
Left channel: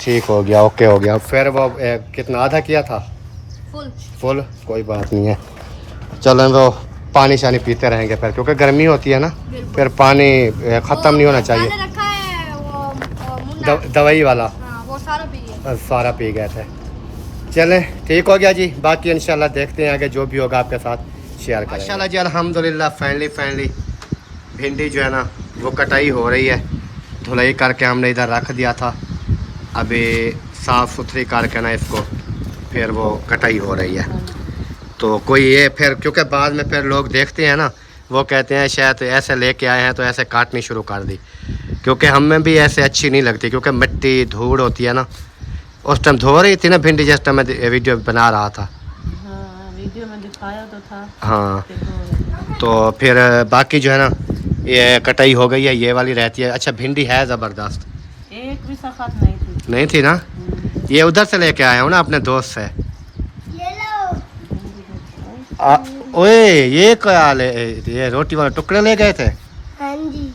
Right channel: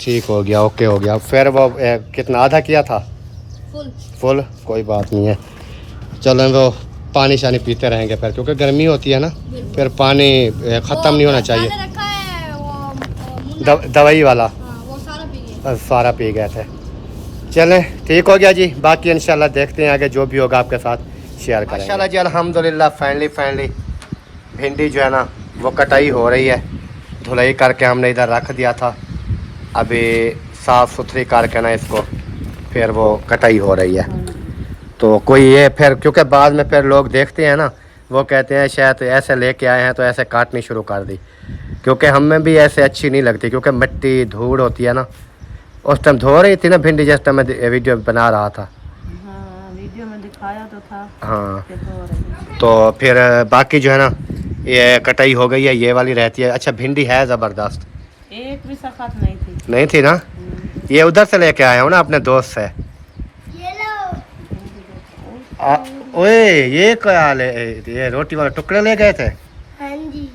ठीक हो गया, ओके हो गया। फिर वो कितना आधा किया था फुल, कोई बात नहीं है। चलो वो पानी शानी पीते रहेंगे फिर, क्योंकि गर्मी होती है ना, फिर पानी ख़त्म नहीं होना चाहिए। मैंने रखा है वो मुन्ना, दवाई वाला हाँ, वो सारा पी गए। सारा पी गए थे। चलें ठीक हो गया जी, बाकी इंशाल्लाह देखते हैं आगे जो भी होगा आपके साथ शेयर करेंगे। माशाल्लाह जी, अल्हम्दुलिल्लाह फाइनली भिंडी जो है ना वो कटाई हो रही है। धुलाई करके हमने इधर रख दिया था, अभी साफ़ सुथरी करके ना इसको फिर वो कटाई हो रही है। तो कोई ये फिर, क्योंकि बाद में फिर लोग देखते हैं ना, वो कहते हैं शायद ऐसे लेके आए हैं तो ऐसे काटनी शुरू कर दी, क्योंकि हमें भी ऐसे अच्छी नहीं लगती, क्योंकि मिट्टी धूड़ होती है ना। उस टाइम धो रही थी ना भिंडी, जिस टाइम मैं वीडियो बना रहा था। हाँ, वीडियो में दिखाया तो था। हाँ, कि धो रही है। तो फिर बाकी जो है ना ये कटाई हो गई है, ये वाली रहती है। अच्छा, भिंडी है ज़बरदस्त, एक भी सख्त नहीं थी। नहीं थी ना, ये उधर से लेके आया हूँ ना अपने दोस्त से। ओए ये क्या ले, ये रोटी वाले टुकड़े ले गए थे। हाँ जी,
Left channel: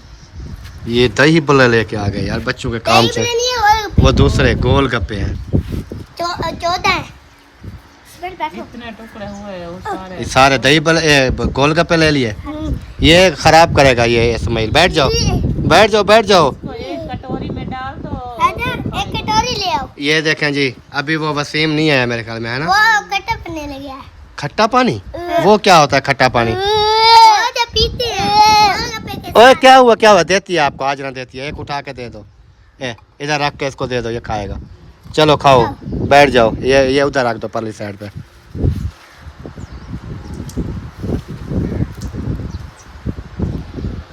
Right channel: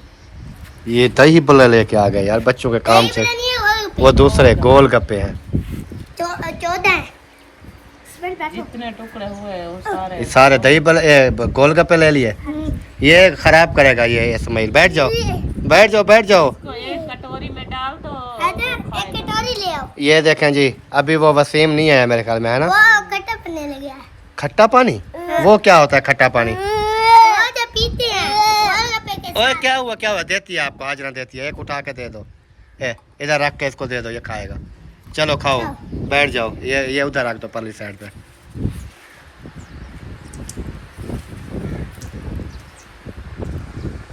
ये दही बल्ले लेके आ गए यार बच्चों के काम से, वो दूसरे गोल गप्पे हैं। 14 जितने टुकड़े हुए वो सारे ये सारे दही बल्ले गोलगप्पे ले लिए। ये खराब करेगा ये इस्माइल, बैठ जाओ बैठ जाओ बैठ जाओ। तो एक कटोरी में डाल दो। एक कटोरी ले आओ। ये देखें जी, अभी वो वसीम नहीं है मेरे ख्याल में, है ना। वो खट्टा पन्ने लग गया। खट्टा पानी, वो क्या होता है खट्टा पानी? जो पीते हैं। ओए क्या हुआ देती है आपको, आज ना देती है, एक उठा के दे दो, इधर रख के इसको दे दो, ये खाएगा। चलो खाओ, बैठ जाओ, ये उधर रख दो परली साइड पे।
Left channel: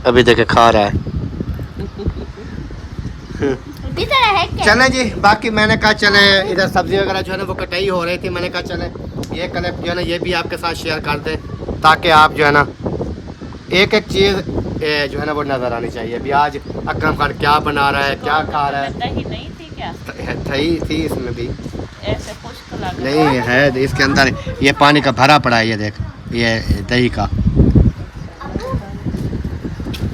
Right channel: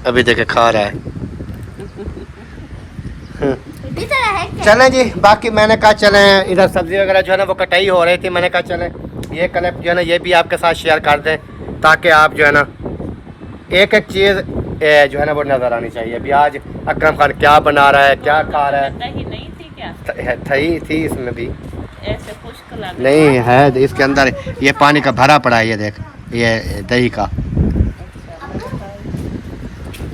अभी देखे खा रहा है। चलें जी, बाकी मैंने कहा चलें, इधर सब्जी वगैरह जो है ना वो कटाई हो रही थी, मैंने कहा चलें ये क्लिप जो है ना ये भी आपके साथ शेयर कर दें, ताकि आप जो है ना एक एक चीज़ जो है ना वो नज़र आनी चाहिए। अभी आज अकरम खान क्या बना रहा है, क्या खा रहा है। दही नहीं थी क्या? थी इसमें भी ऐसे खुश्क लग नहीं है, इसके अंदर ये पानी का भरा पड़ा है, ये देख, ये दही का।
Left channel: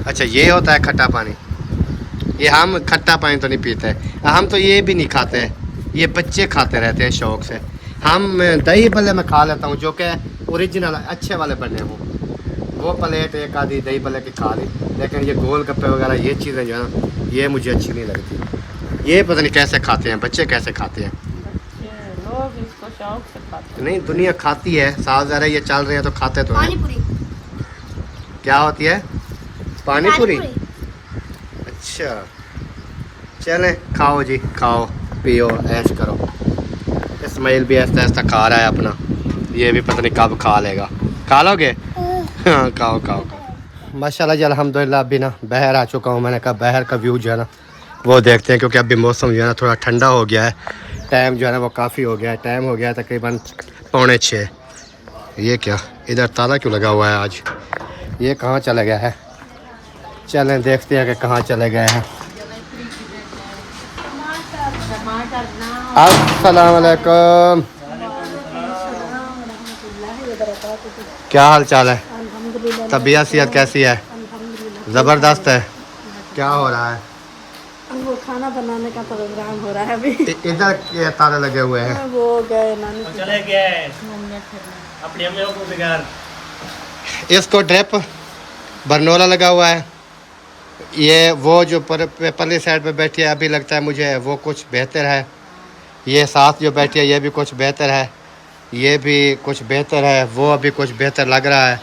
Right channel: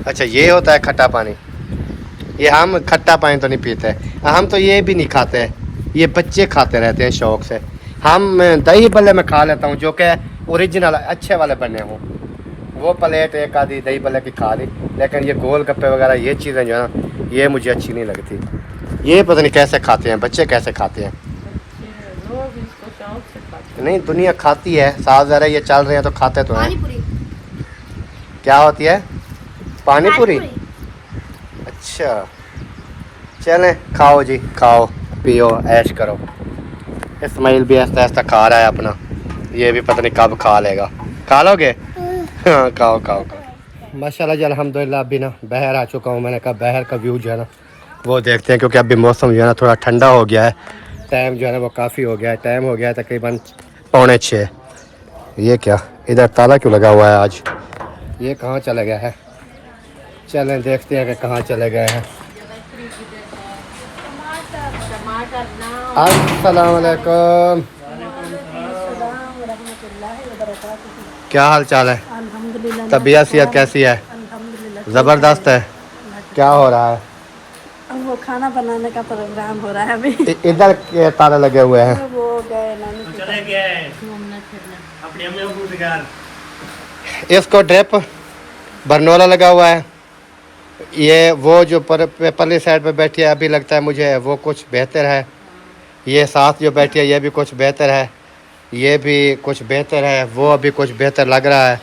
अच्छा, ये होता है खट्टा पानी। ये हम खट्टा पानी तो नहीं पीते, हम तो ये भी नहीं खाते, ये बच्चे खाते रहते हैं शौक से। हम दही बल्ले में खा लेता हूँ, जो कि ओरिजिनल अच्छे वाले बने हों, वो प्लेट एक आधी दही बल्ले की खा ली, लेकिन ये गोल गप्पे वगैरह ये चीज़ें जो है ना ये मुझे अच्छी नहीं लगती। ये पता नहीं कैसे खाते हैं बच्चे, कैसे खाते हैं। लोग इसको शौक से खाते हैं। नहीं, दुनिया खाती है, साफ ज़रा ये चल रहे हैं तो खाते तो हैं। क्या होती है? पानी पूरी। अच्छा, चलें खाओ जी, खाओ पियो ऐश करो। इस्माइल भी ऐसा ऐसा खा रहा है अपना, ये भी पता नहीं कब खा लेगा। खा लोगे? हाँ, खाओ खाओ खाओ। माशाल्लाह जी, अल्हम्दुलिल्लाह अभी ना बहर आ चुका हूँ। मैंने कहा बहर का व्यू जो है ना वो देखते हैं, क्योंकि अभी मौसम जो है ना थोड़ा ठंडा हो गया है, टाइम जो है ना वो काफ़ी हो गया है, टाइम हो गया है तकरीबन 5:45। ये क्या, इधर ताला क्यों लगा हुआ है आज? ये कहाँ चला गया है? चलें देखते हैं कि कहाँ चले गए हैं। अस्सलाम वालेकुम। क्या हाल चाल है? अल्हम्दुलिल्लाह। तबीयत सेहत कैसी है? अल्हम्दुलिल्लाह। ज़बरदस्त है। क्या हो रहा है? अब वो खाना बनाने का प्रोग्राम हो रहा है अभी। इधर ताले लगे हुए हैं। वो गए नानी के चले गए घूमने फिरने। अपनी अम्मियों को बिगाड़। इसको ड्रिप बरनोला लगा हुआ है। ये वो जो परली साइड पे बैठी है, अभी लगता है मुझे वो कुछ बेहतर है। ये साथ जो बैठी है ये भी कुछ बेहतर है। ये भी कुछ बेहतर है। वो अभी कुछ बेहतर लग रहा है।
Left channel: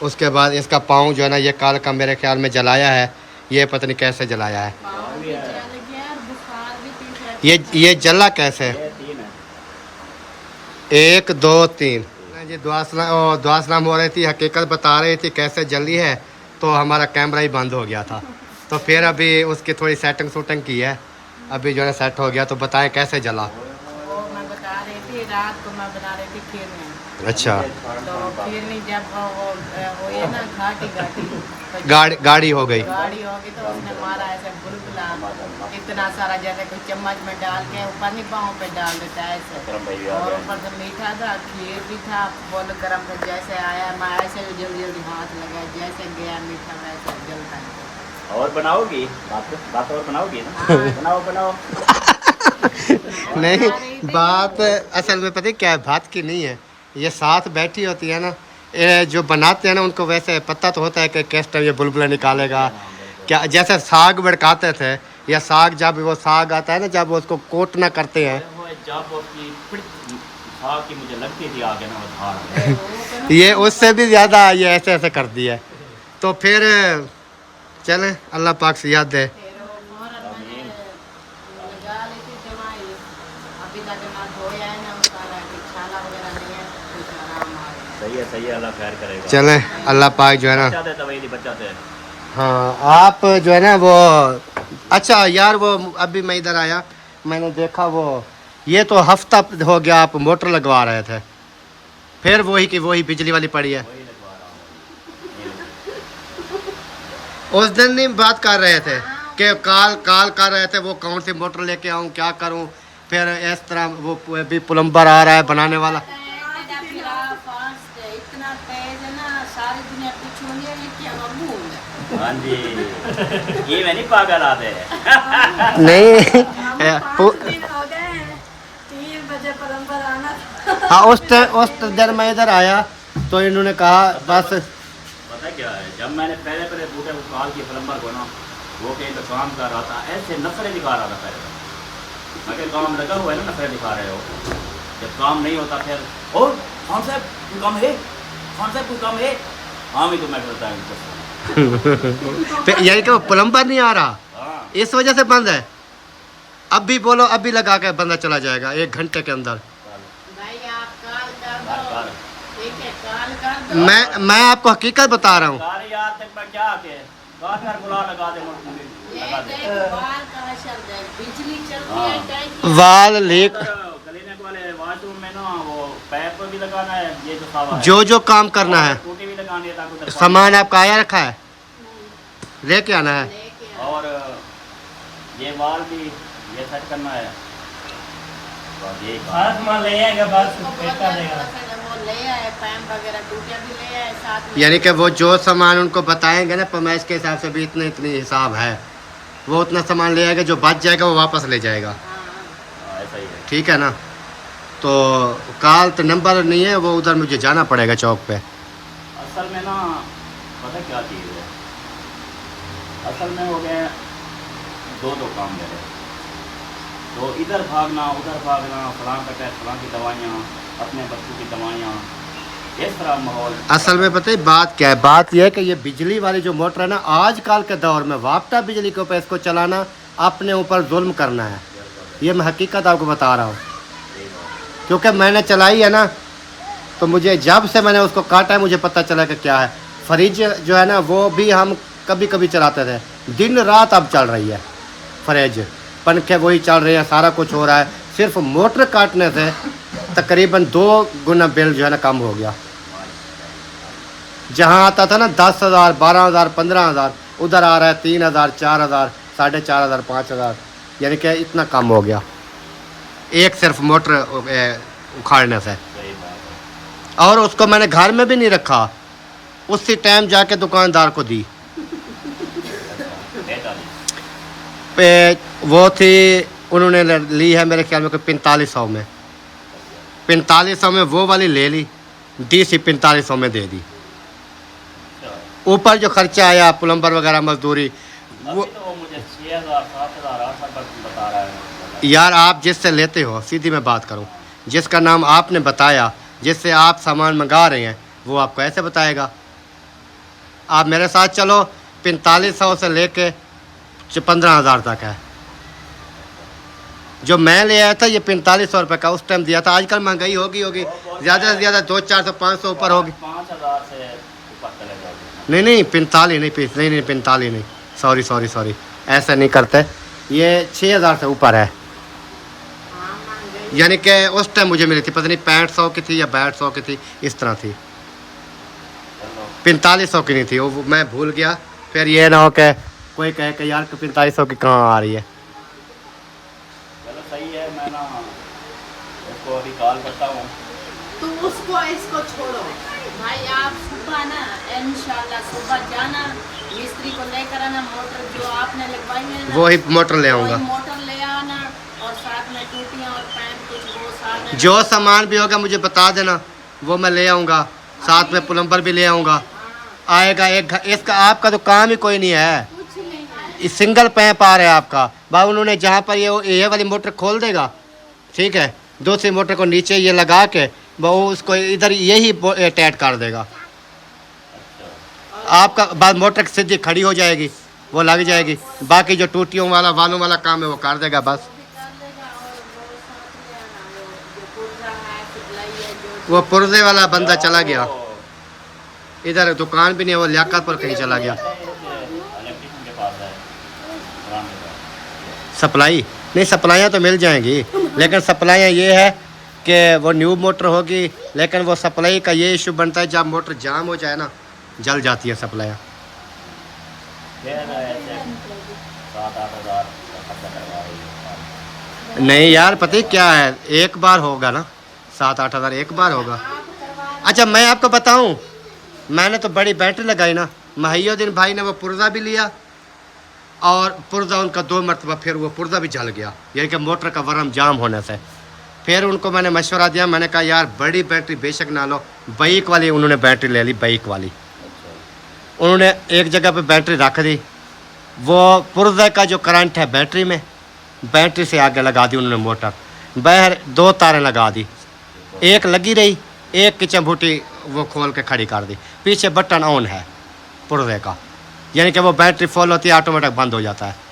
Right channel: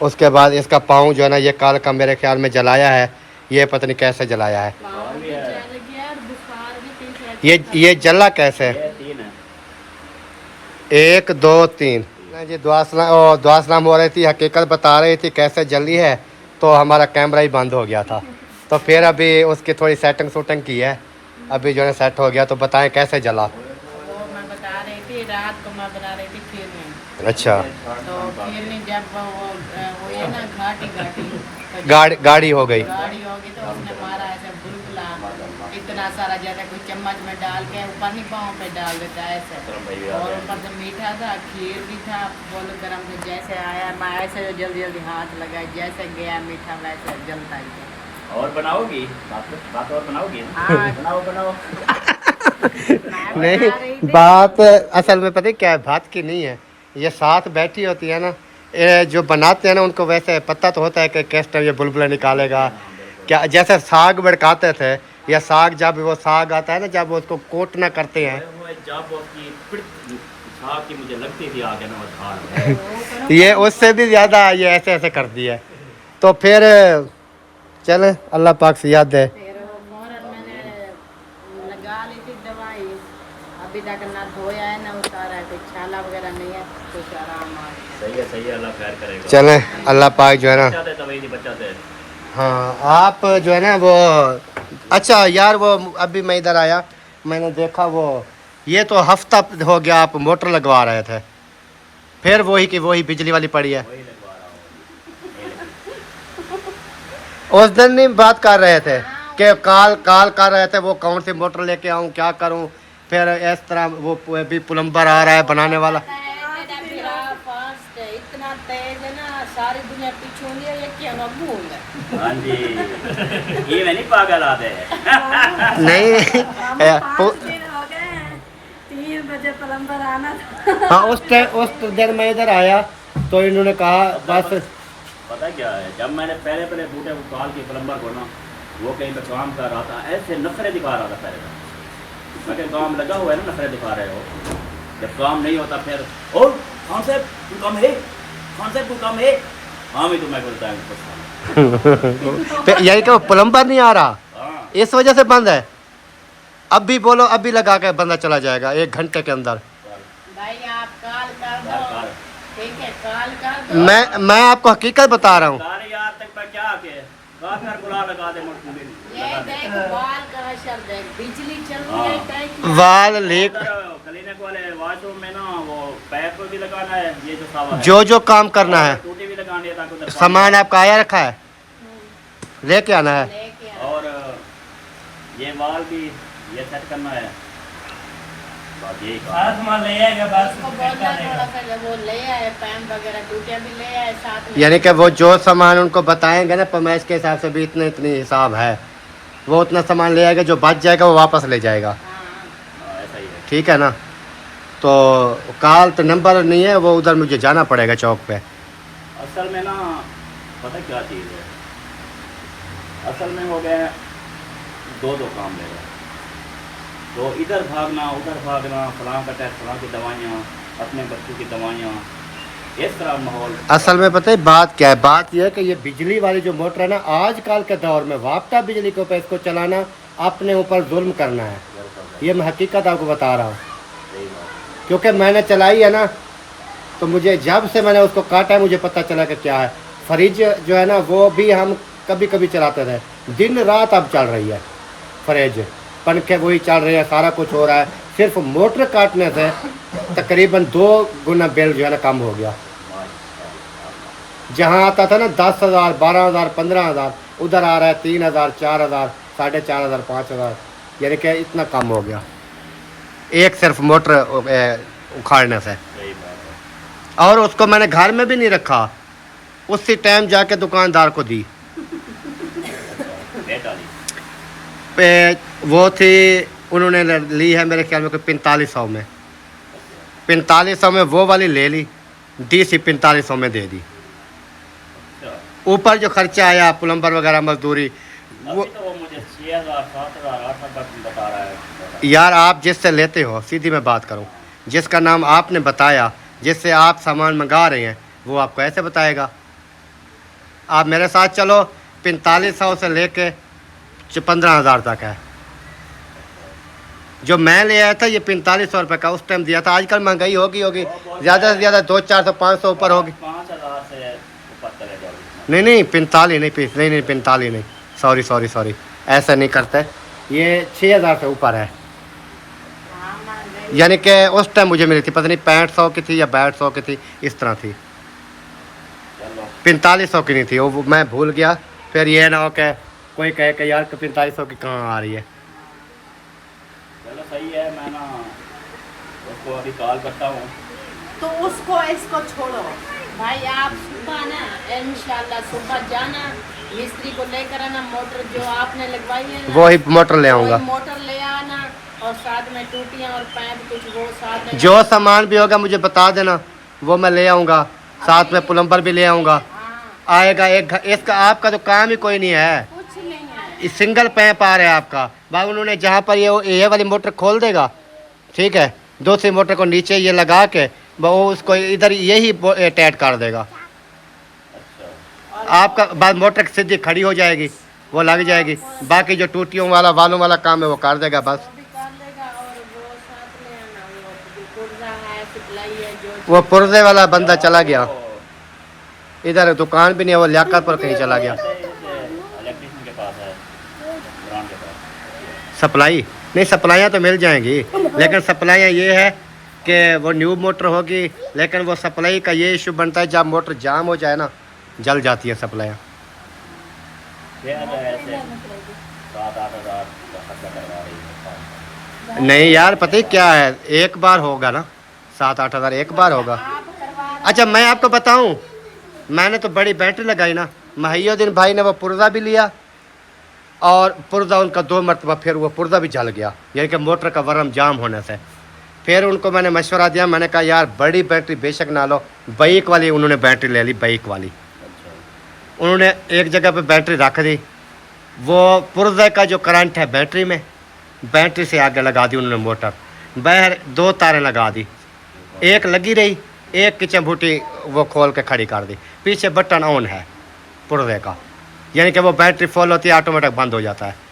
उसके बाद इसका पाँव जो है ना, ये काल का मेरे ख्याल में जलाया है। ये पता नहीं कैसे जलाया है। ये जला कैसे? 1 2 3 जी दुआ सलाम हो रही थी, हकीकत बता रही थी कैसे जली है, तो हमारा कैमरा ही बंद हो गया था। तो फिर अभी उसकी थोड़ी सेटिंग शूटिंग की है, अभी जो है सेट हो गया। तो बताएं कैसे जला। वो मैं बता रही थी, रात को मैं बना रही थी खीरनी। अच्छा, तो खीरनी जब वो ये ना घाटी तो गाड़ी हो गई। गाड़ी होगी तो उसने मारा ऐसे बुलबुला इतना सारा, जैसे कोई चम्मच में डाल के ऊपर नहीं पाँव पे डाल देता है ऐसे। और ऊपर से मीठा था, खीर भी था, बोल गरम था। जैसे आया मैं ऐसे जल्दी जल्दी हाथ लगाया, जैसे गया मीठा वैसे जलता ही था। और बनाओगी बात और बनाओगी ना? हाँ। बनाओ नहीं, बात असल में पता है क्या है, बात की नहीं है। ये साथ बैठी होती है ना, ये जो बनाते हैं ना उनको वैसे पता तो होता है कि किस टाइम ये बुलबुला निकालेगा। क्या जैसे साग भड़काते थे, या साग जब वो साग आता है ना, जब वो उसको कोट ना करते हैं, मुझे लगती थी आगे ना ये उससे भी ज़्यादा ये ऐसे ऐसे कर दिया। तो फिर चलें, अल्लाह पाक से याद दे। फिर फौरन मैंने लगा ली थी दवाई। अभी तक ना धोया है ना उतारा है, कोई छाला वगैरह नहीं है, कुछ आराम आ गया। सही है, अल्लाह खैर करेगा। चलें, अल्लाह पाक जो है ना। बचाते हैं। हाँ, आप जो है ना वो, अच्छा यार वो अभी मैं इधर आया, मैंने देखा वो ये तो हफ्ता हो गया आप मोटर लगवा रहे थे, फिर वही की वही बिजली वाली पड़ी है। उस दिन नहीं बात कर रहे थे कि काल कर रहे थे वो कौन सी मोटर लेके आऊँ, क्या करूँ। फिर इस तरह वो भी प्लम्बर आ रहा है बनाने वाला। इतना तेज है ना, सारी दुनिया पीछे नहीं है, ये क्या बूंद है। हाँ जी, ये मैं नहीं पागल आते नहीं हो गए हैं, 3 बजे प्लम्बर आना था। हाँ, उस दिन मैं इधर आया तो इन्होंने कहा बस। पता क्या है, जब मैंने पहले बूटे को कॉल किया प्लम्बर को ना, वो कहीं तो काम कर रहा था, ऐसे नखरे दिखा रहा था पहले तो। मैं कहीं काम लगा हुआ है ना, नखरे दिखा रहे हो। जब काम नहीं होता फिर ओ कौन से कोई काम है, कौन से कोई काम है। हाँ भी तो मैं बोलता हूँ यही कि प्लम्बर नहीं आ रहा, हाँ इस वजह से बंद है। अब भी बोलो, अभी लगा के बंदा चला जाएगा 1 घंटे के अंदर। भाई आप काल कर दो, ठीक है, काल कर दो। मैं आपको हकीकत बता रहा हूँ। यार तक मैं क्या के घर बुला लगा दे ये देखो बाल का असर देख, बिजली चल रही है कहीं। वाल लीक, क्लीनिक वाले बाथरूम में ना वो पाइप भी लगाना है, ये जो सावा है जो काम करना है। टूटी भी लगानी है ताकि उधर सामान आपका आया रखा है, लेके आना है। लेके और ये वाल भी ये सेट करना है। बाकी ले आएगा, वो ले आए पैम वगैरह, टूटिया भी ले आए साथ में। यानी कि वो जो सामान उनको बताएंगे ना पैमाइश के हिसाब से भी इतने हिसाब है, वो उतना सामान ले आएगा, जो बच जाएगा वो वापस ले जाएगा। हाँ। ऐसा ही है। ठीक है ना। तो काल तो नंबर नहीं है, वो उधर मुझे जाना पड़ेगा चौक पे। असल में ना पता क्या चीज़ है, असल में हो गए 2 काम ले रहे हैं, तो इधर भागना उधर भागना, फलां का टेस्ट, फलां की दवाइयाँ, अपने बच्चों की दवाइयाँ, इस तरह माहौल। असल में पता है बात क्या है, बात यह है कि ये बिजली वाली जो मोटर है ना, आजकल के दौर में वापटा बिजली के ऊपर इसको चलाना अपने ऊपर जुल्म करना है। ये मैं हकीकत आपको बता रहा हूँ, क्योंकि मैंने चलाई है ना, तो मुझे जब से मैंने उसको काटा है मुझे पता चला कि क्या है। फ्रिज जो है ना वो भी हम कभी कभी चलाते थे, दिन रात अब चल रही है फ्रिज, पंखे वही चल रहे हैं, सारा कुछ हो रहा है। सिर्फ मोटर काटने से तकरीबन 2 गुना बिल जो है ना कम हो गया। जहाँ आता था ना 10,000, 12,000, 15,000, उधर आ रहा है 3,000, 4,000, 4,500, 5,000, यानी कि इतना कम हो गया एक सिर्फ मोटर उखाड़ने से। सही बात है। और उसको मैंने घर में भी नहीं रखा, उसी टाइम जाके दुकानदार को दी। पे वो थी, उन्होंने ली है मेरे ख्याल में कोई 4500 में। 4500 में वो वाली ले ली, डी सी 4500 में दे दी। ऊपर जो खर्चा आया प्लम्बर वगैरह मजदूरी वो तो मुझे 6000 7000 8000 बता रहा है। यार आप जिससे लेते हो, सीधी मैं बात करूं, जिसका नाम आपने बताया, जिससे आप सामान मंगा रहे हैं, वो आपको ऐसे बताएगा। आप मेरे साथ चलो, 4500 से लेके 15000 तक है। जो मैं ले आया था ये 4500 रुपये का उस टाइम दिया था। आजकल महंगाई होगी ज़्यादा से ज़्यादा 200 400 500 ऊपर होगी। 5000 से ऊपर चले जाओगे। नहीं 45 नहीं, 45 नहीं, सॉरी ऐसा नहीं करते। ये 6000 से ऊपर है, यानी कि उस टाइम मुझे मिली थी, पता नहीं 6500 की थी या 6200 की थी, इस तरह थी। 4500 की नहीं थी वो, मैं भूल गया। फिर ये ना हो कि कोई कहे कि यार 4500 की कहाँ आ रही है। चलो सही है, मैं ना उसको अभी कॉल करता हूँ। तो उसको इसको छोड़ो भाई, आप सुबह ना इंशाल्लाह सुबह जाना, मिस्त्री को लेकर आना, मोटर जो आपने लगवाई है ना, वो ही मोटर ले आऊँगा, वही मोटर ले आना, और साथ में टूटियां और पैप कुछ वो साथ में। जो सामान भी होगा मुझे बता देना, वो मैं ले आऊँगा। साथ में प्लम्बर भी ले आऊँगा। आएगा एक इसका आपका तो काम ही कोई नहीं है, कुछ नहीं है। इस सिंगल पैप आ रहा है आपका। भाई उन्होंने जहाँ पर ये वाली मोटर खोल देगा, ठीक है, दूसरी मोटर को नीचे ये लगा के वो उसको इधर यही अटैच कर देगा। आपका बाद मोटर सीधी खड़ी हो जाएगी, वो लग जाएगी। बाकी जो टूटियों वाला वालों वाला काम है वो कर देगा बस। वो पुर्जे वाला बंदा चला गया, इधर दुकान भी नहीं है, वो लियाकत पर कहीं चला गया। इलेक्ट्रिशियन के पास है, ब्रांड के पास। सप्लाई नहीं, सप्लाइयाँ तो मिल जाएंगी, लेकिन सप्लाइयाँ ये है कि वो न्यू मोटर होगी, लेकिन वो सप्लाई का ये इशू बनता है जब मोटर जाम हो जाए ना, जल जाती है सप्लाइयाँ। 7-8 हज़ार खर्चा करवा रही है। नहीं यार पता है क्या है, एक बार होगा ना, 7-8 हज़ार एक बार होगा। अच्छा मैं आपको बताऊं, मैंने तो बड़ी बैटरी लगाई ना, महियुद्दीन भाई ने वो पुर्जा भी लिया, और पुर्जा उनका 2 मरतबा फिर वो पुर्जा भी जल गया, यानी कि मोटर का वर्म जाम होने से। फिर उनको मैंने मशवरा दिया, मैंने कहा यार बड़ी बैटरी बेशक ना लो, बाइक वाली उन्होंने बैटरी ले ली, बाइक वाली। उन्होंने एक जगह पे बैटरी रख दी, वो पुर्जे का जो करंट है बैटरी में, बैटरी से आगे लगा दी उन्होंने मोटर। बाहर 2 तारें लगा दी, एक लगी रही, एक की चंबूटी वो खोल के खड़ी कर दी। पीछे बटन ऑन है पुर्जे का, यानी कि वो बैटरी फुल होती है, ऑटोमेटिक बंद हो जाता है।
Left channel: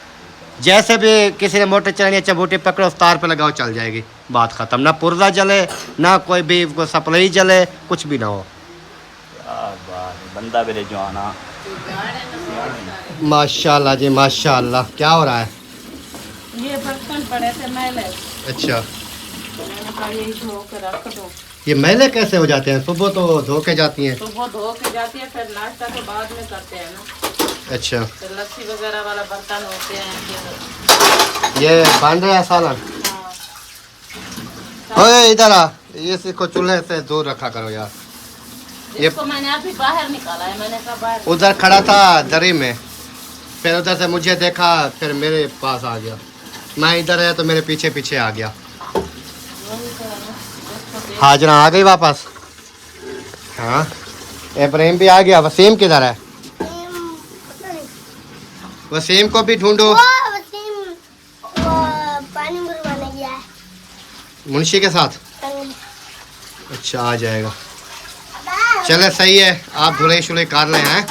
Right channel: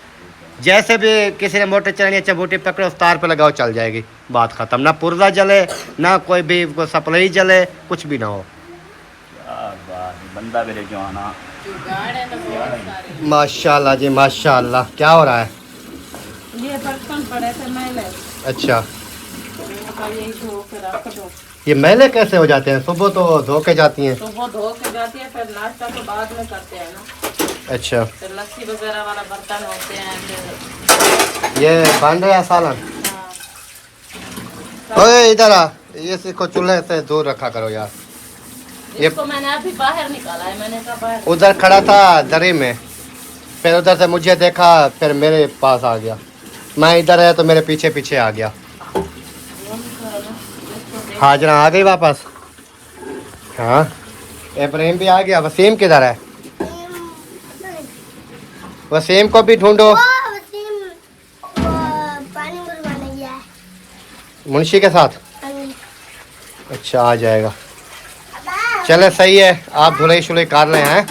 जैसे भी किसी ने मोटर चलानी है, चंबूटी पकड़ो, उस तार पे लगाओ, चल जाएगी, बात ख़त्म। ना पुर्जा जले, ना कोई भी को सप्लाई जले, कुछ भी ना हो। बंदा भी जो आना माशाल्लाह जी माशाल्लाह। क्या हो रहा है? ये बर्तन पड़े थे मैले, अच्छा, तो मैंने कहा यही धो के रख दो। ये मैले कैसे हो जाते हैं? सुबह तो धो के जाती हैं। तो वो धो के जाती है, फिर नाश्ता तो बाद में करते हैं ना, अच्छा, फिर लस्सी वगैरह वाला बर्तन होते हैं फिर। ये बन रहा है सालन। हाँ, ओए इधर आ, इसको चूल्हे से दूर रखा करो यार। ये इसको मैंने अभी बाहर निकाला है, मैंने कहा बाहर। उधर खड़ा था दरी में, फिर उधर से मुझे देखा, फिर मेरे पास आ गया। मैं इधर आया तो मेरे पीछे पीछे आ गया। हाजरा आ गई वापस। हाँ इब्राहिम भी आ गया। वसीम किधर है? वसीम को भी ढूंढो। पानी भरवाने गया है। मुंशी के साथ? अच्छा आ जाएगा। चले सही है, आप धुलाई शुलाई कर रहे हैं।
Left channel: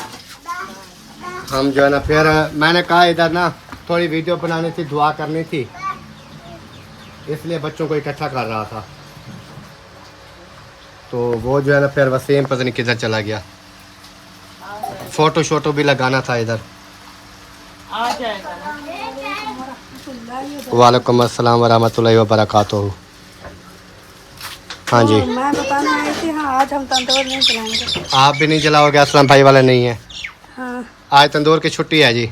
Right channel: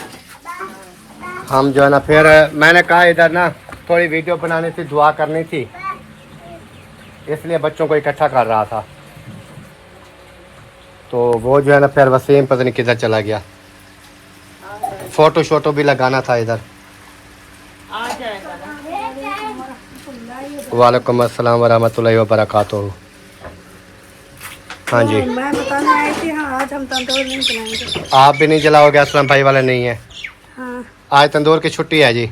हम जो है ना, फिर मैंने कहा इधर ना थोड़ी वीडियो बनानी थी, दुआ करनी थी, इसलिए बच्चों को इकट्ठा कर रहा था। तो वो जो है ना, फिर वसीम पता नहीं किधर चला गया। फोटो शोटो भी लगाना था इधर। आ जाएगा ना। वालेकुम अस्सलाम वरहमतुल्लाहि वबरकातुहू। हाँ जी, मैं बताने आई थी। हाँ आज हम तंदूर नहीं चलाएंगे। आप भी नहीं जलाओगे? असलम भाई वाले नहीं है हाँ आज, तंदूर की छुट्टी है जी।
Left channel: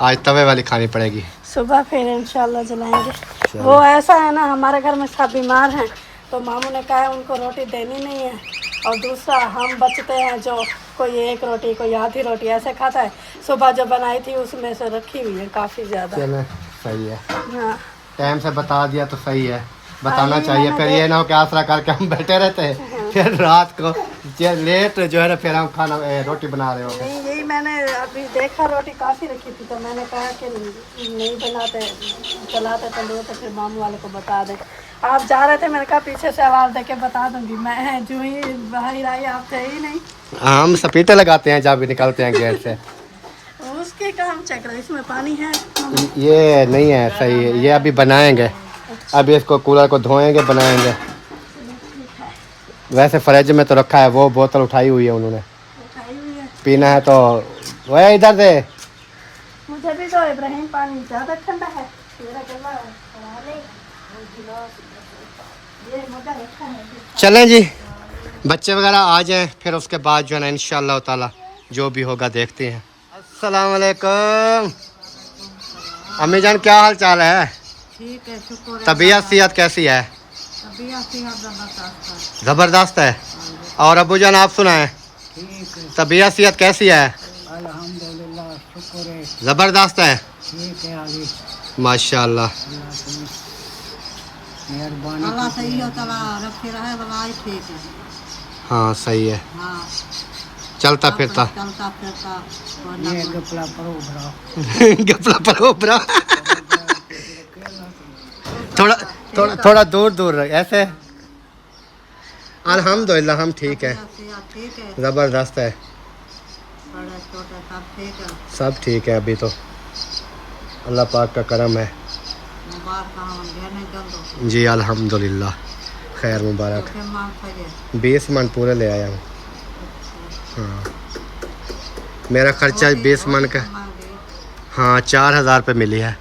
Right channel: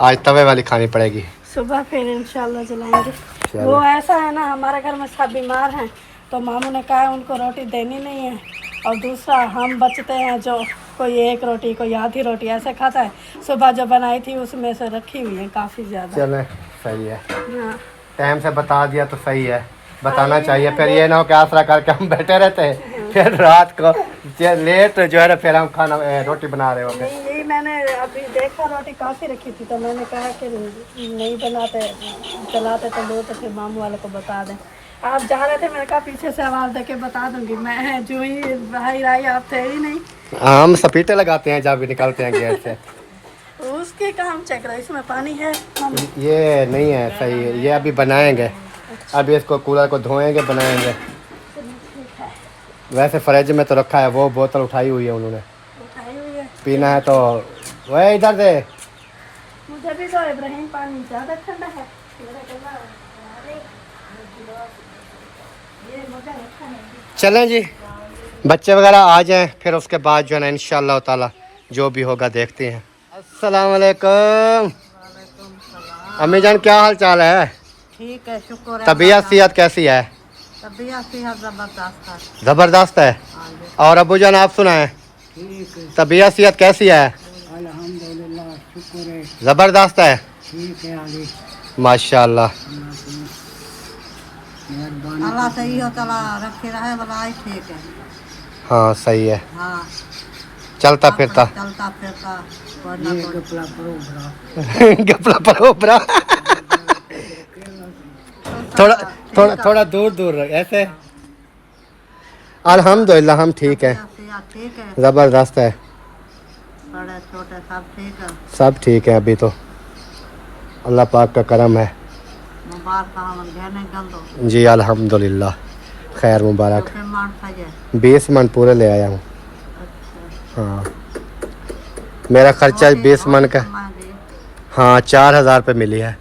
आज तवे वाली खानी पड़ेगी। सुबह फिर इंशाल्लाह जलाएंगे। माशाल्लाह। वो ऐसा है ना, हमारे घर में सब बीमार हैं, तो मामू ने कहा उनको रोटी देनी नहीं है। और दूसरा हम बचते हैं, जो कोई एक रोटी कोई आधी रोटी ऐसे खाता है। सुबह जो बनाई थी उसमें से रखी हुई है काफ़ी ज़्यादा। चले सही है, हाँ। टाइम से बता दिया तो सही है, बताना चाहिए। फिर ये ना हो कि आसरा करके हम बैठे रहते हैं, फिर रात को लेट जो है ना फिर हम खाना रोटी बना रहे होते। नहीं, यही मैंने अभी देखा, रोटी काफ़ी रखी थी, तो मैंने कहा कि नहीं बनाते, चलाते तंदूर, तो फिर मामू वाले को बता दें। आप जा रहे थे, मैंने कहा पीछे से आवाज़ दे के बता दूंगी। मैं जो ही भाई राई, आप थे ही नहीं। हम सपीटे लगाते हैं जब भी निकलते हैं गेट से। उसके काम चेक रहा, इसमें पानी है। ये नहीं है सही है, ये अभी बनाएंगे, अभी इसको कूलर को धोएंगे, बनाएंगे। वैसे फ्रिज में तो रखा है, वो बोतल उठाई हुई है उन्होंने, उठाई हुई है। पीना है तो वह इधर से। मुझे भी तो इब्राहिम, पानी ज़्यादा ठंडा है। चलें जी, बच्चे वगैरह आ जाएं, फिर उसके बाद जो है ना इंशाअल्लाह ताला जो भी होगा देखते हैं। अस्सलाम वालेकुम। अम्मी जान क्या हाल चाल है? ठीक है, शुक्र है। तबीयत सेहत कैसी है? तबीयत सेहत जबरदस्त है। ज़बरदस्त है। और अबू जान आप सुनाएं, तबीयत सेहत कैसी है? अल्हम्दुलिल्लाह, शुक्र है। ज़बरदस्त है, ठीक है अली, माशाल्लाह। अल्लाह सही हो तला रखे रहे, भलाई ठीक है। हाँ सही है, हाँ, चलता फिरता। चलता फिरता गपला परो ब्रा। थोड़ा थोड़ा थोड़ा दूर दूर रह, ऐसे। अल्हम्दुलिल्लाह हम ठीक है, ठीक है। ज़बरदस्त है, बड़े छोटे सब ठीक है। सब ठीक है अभी तो, अल्लाह पाक का करम है मुबारक हम घेरने गंदो। जी। अल्हम्दुलिल्लाह, खैर मुबारक। 20 मन पूरे ले आया हूँ। हाँ, मेरा खर्चा 20 मन का। हाँ 4000 रुपये मिली है।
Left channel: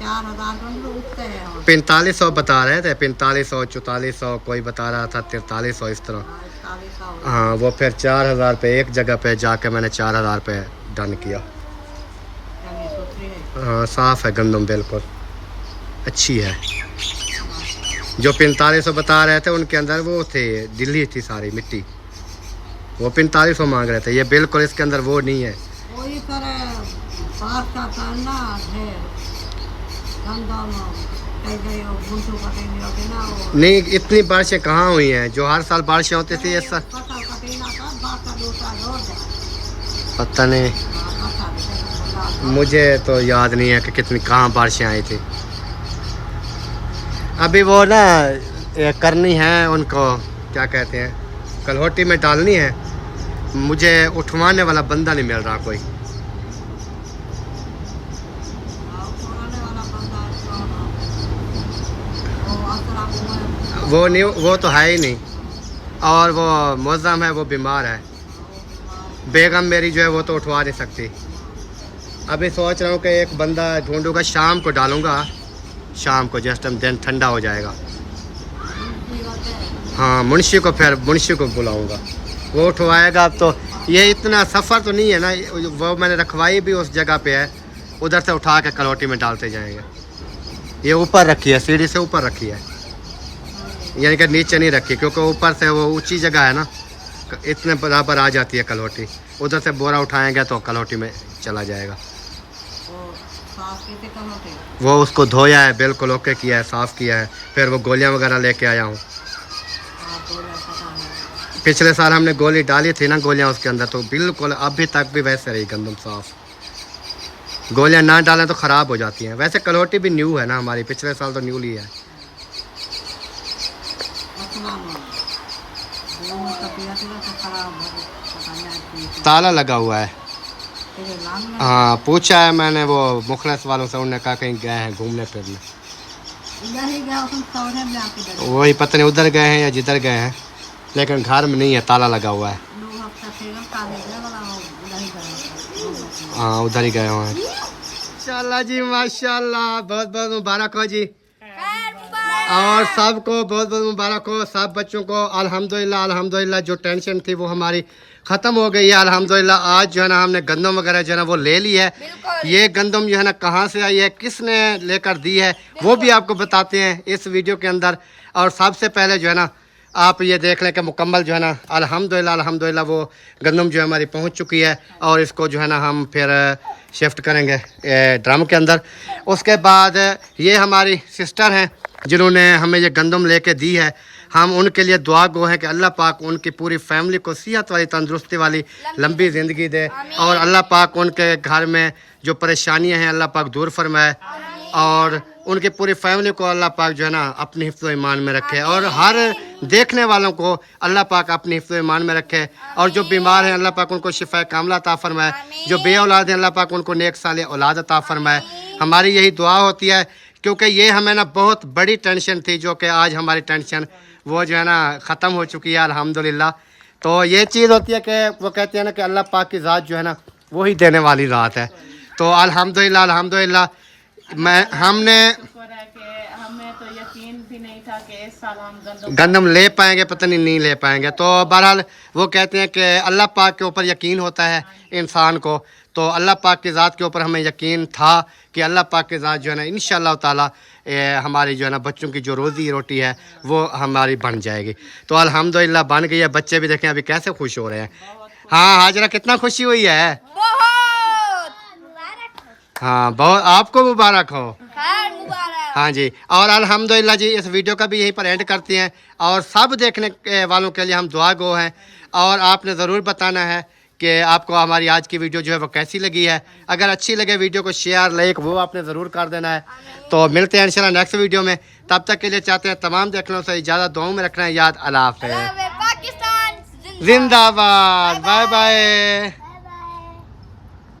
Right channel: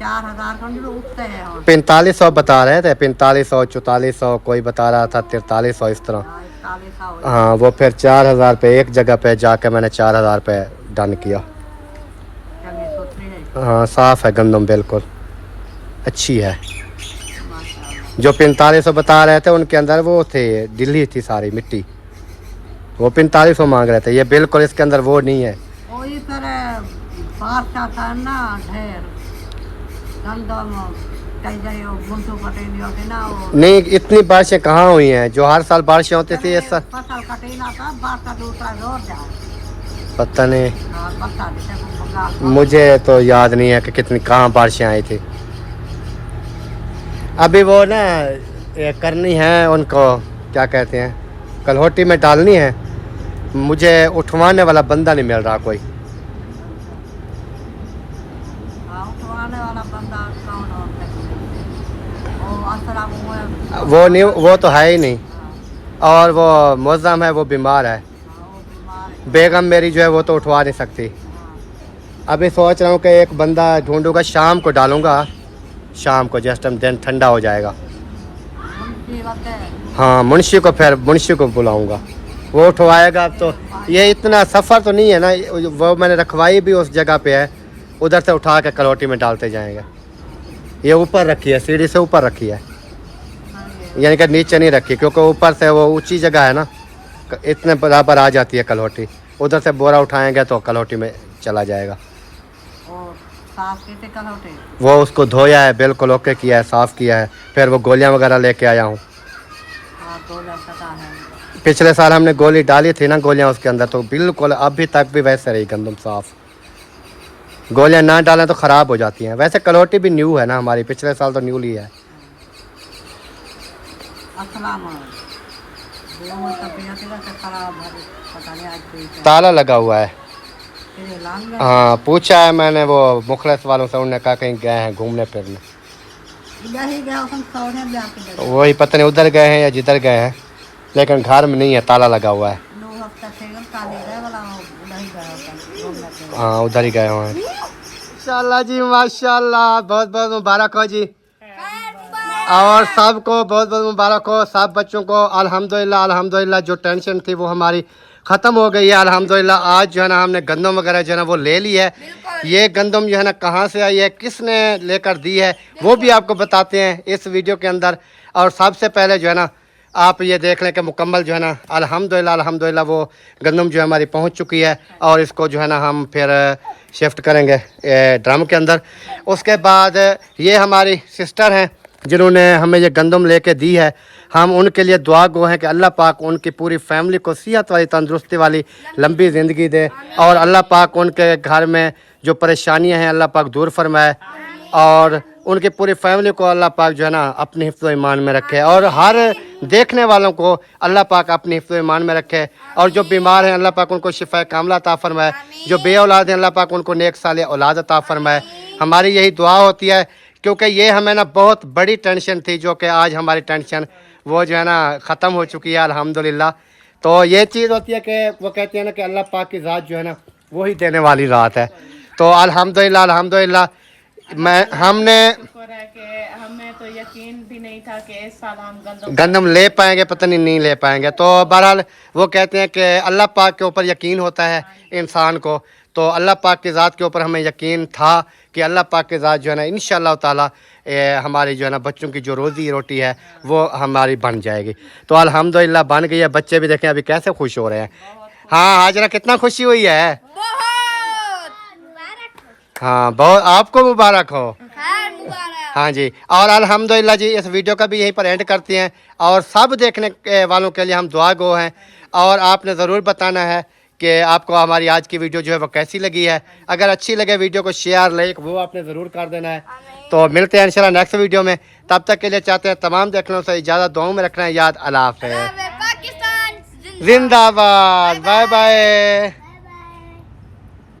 4000 उठते हैं। 4500 बता रहे थे, 4500 4400, कोई बता रहा था 4300, इस तरह। हाँ वो फिर 4000 रुपये एक जगह पे जाके मैंने 4000 रुपये डन किया। हाँ साफ़ है गंदम, बिल्कुल अच्छी है। जो 4500 बता रहे थे उनके अंदर वो थे, दिल्ली थी सारी मिट्टी, वो 4500 मांग रहे थे। ये बिल्कुल इसके अंदर वो नहीं है। वही फिर बात का टाइम ना, ढेर गंदम कई जगह गुंठू कटे नहीं होते ना। वो नहीं इतनी बारिशें कहाँ हुई हैं, जो हर साल बारिशें होती थी इस साल फसल कटेला था, बात का दूसरा रोड जा पता नहीं, पता नहीं। मुझे तो याद नहीं है कि कितनी कहाँ बारिशें आई थी। अभी वो ना ये करनी है उनको, क्या कहते हैं, कलहोटी में डालनी है। मुझे उठवाने वाला बंदा नहीं मिल रहा कोई। वो नहीं, वो तो है ही नहीं। और वो मुअज़्ज़म है, वो बीमार है। बेगम मेरी जो है वो तो उठवा नहीं सकती। अभी सोच रहा हूँ कि एक बंदा ढूंढूंगा, शाम को डालूंगा, शाम को जिस टाइम दिन ठंडा हो जाएगा। हाँ मुंशी को, फिर मुंशी को बुलाऊंगा, वो उठवाएगा। अब तो ये इतना सफ़र तो नहीं है ना, वो मैंने रखवाई भी उस जगह पे है, उधर से उठा के कलौटी में डालते जाएंगे। ये ऊपर रखी है, सीढ़ी से ऊपर रखी है, यानी कि नीचे नहीं रखी, क्योंकि ऊपर से वो ऊंची जगह है ना, इतने बराबर आ जाती है कलौटी। उधर से बोरा उठाएंगे तो कलौटी में चला जाएगा। वो उसको धोया है, बिल्कुल ओके किया है, साफ़ किया है। फिर वो गोलियां वगैरह लेके आया हूँ। पिछले साल हमने गोली डाली थी ना, गोलियां उसके अंदर, तो बिल्कुल अभी तक भी वैसे रही गंदम साफ़। गोलियां ना डालें तो ख़राब हो जाती हैं। वैसे कलौटी भी न्यू है ना हमारी, पिछले साल तो न्यू ली है। ताला लगा हुआ है। हाँ पूछा है मैंने वो मुखलिस वालों से, उन्होंने कहा कहीं गए हैं घूमने फिरने। वही पता नहीं उधर गए हैं या जिधर गए हैं, लेकिन घर में नहीं है, ताला लगा हुआ है। हाँ उधर ही गए हुए हैं। माशाल्लाह जी माशाल्लाह, बहुत बहुत मुबारक हो जी, और सबको बहुत बहुत मुबारक हो, सब बच्चों को। अल्हम्दुलिल्लाह अल्हम्दुलिल्लाह, जो टेंशन थी वो हमारी ख़त्म हो गई है अल्हम्दुलिल्लाह। आज जो है ना हमने गंदम वगैरह जो है ना वो ले ली है। ये गंदम जो है ना कहाँ से आई है, किसने लेकर दी है, वो भी आपको बताते हैं इस वीडियो के अंदर। और सबसे पहले जो है ना आप ये देख लें कि मुकम्मल जो है ना अल्हम्दुलिल्लाह वो गंदम जो है हमारी पहुँच चुकी है। और इसको जो है ना हम फिर शिफ्ट करेंगे ड्रम के अंदर। उसके बाद ये हमारी सिस्टर हैं जिन्होंने हमें ये गंदम लेके दी है। हम उनके लिए दुआ गो हैं कि अल्लाह पाक उनकी पूरी फैमिली को सेहत वाली, तंदुरुस्ती वाली, लंबी ज़िंदगी दे। और अल्लाह पाक उनके घर में जो परेशानियां हैं अल्लाह पाक दूर फरमाए। और उनकी पूरी फैमिली को अल्लाह पाक जो है ना अपनी हिफ्ज़ ईमान में रखे। और हर देखने वालों को अल्लाह पाक अपनी हिफ्ज़ ईमान में रखे। और जो बीमार हैं अल्लाह पाक उनको शिफा कामला अता फरमाए। जो बे औलाद हैं अल्लाह पाक उनको नेक साले औलाद अता फरमाए। हमारी यही दुआ होती है, क्योंकि ये हमें ना बहुत बड़ी टेंशन थी, जो कि आज हमारी टेंशन वो जो है ना ख़त्म हो चुकी है अल्हम्दुलिल्लाह। तो ये चीज़ होती है कि वो कहते हैं ना कि अल्लाह पाक की ज़ात जो है ना वही देने वाली रात है। तो अल्हम्दुलिल्लाह हमने शुक्र है कि हमें तो यकीन भी नहीं था कि इस साल हम गंदम ले पाएंगे, पता नहीं ले पाएंगे। तो बहरहाल वो कहते हैं कि अल्लाह पाक के ऊपर यकीन होता है इंसान को। तो अल्लाह पाक की ज़ात के ऊपर हमें यकीन था कि अल्लाह पाक की ज़ात जो है ना इंशाअल्लाह ताला हमारी जो है ना बच्चों की जो रोज़ी रोटी है वो हमारी बन जाएगी। तो अल्हम्दुलिल्लाह बन गई है। बच्चे भी देखें अभी कैसे खुश हो रहे हैं। हाँ हाजरा, कितना खुशी हुई है? हाँ बहुत, आपको मुबारक हो। हाँ जी। और अल्हम्दुलिल्लाह जी इस वीडियो का भी यहीं पर एंड करते हैं। और सब देखने वालों के लिए हम दुआ गो हैं। और आपने ज़रूर बताना है कि आपको हमारी आज की वीडियो जो है वो कैसी लगी है। अगर अच्छी लगे वीडियो को शेयर लाइक वो आपने ज़रूर कर देना है। तो मिलते हैं इंशाल्लाह नेक्स्ट वीडियो में। तब तक के लिए चाहते हैं तमाम देखने से इजाज़त, दुआओं में रखना है याद। अल्लाह हाफ़िज़, जिंदाबाद, बाय बाय।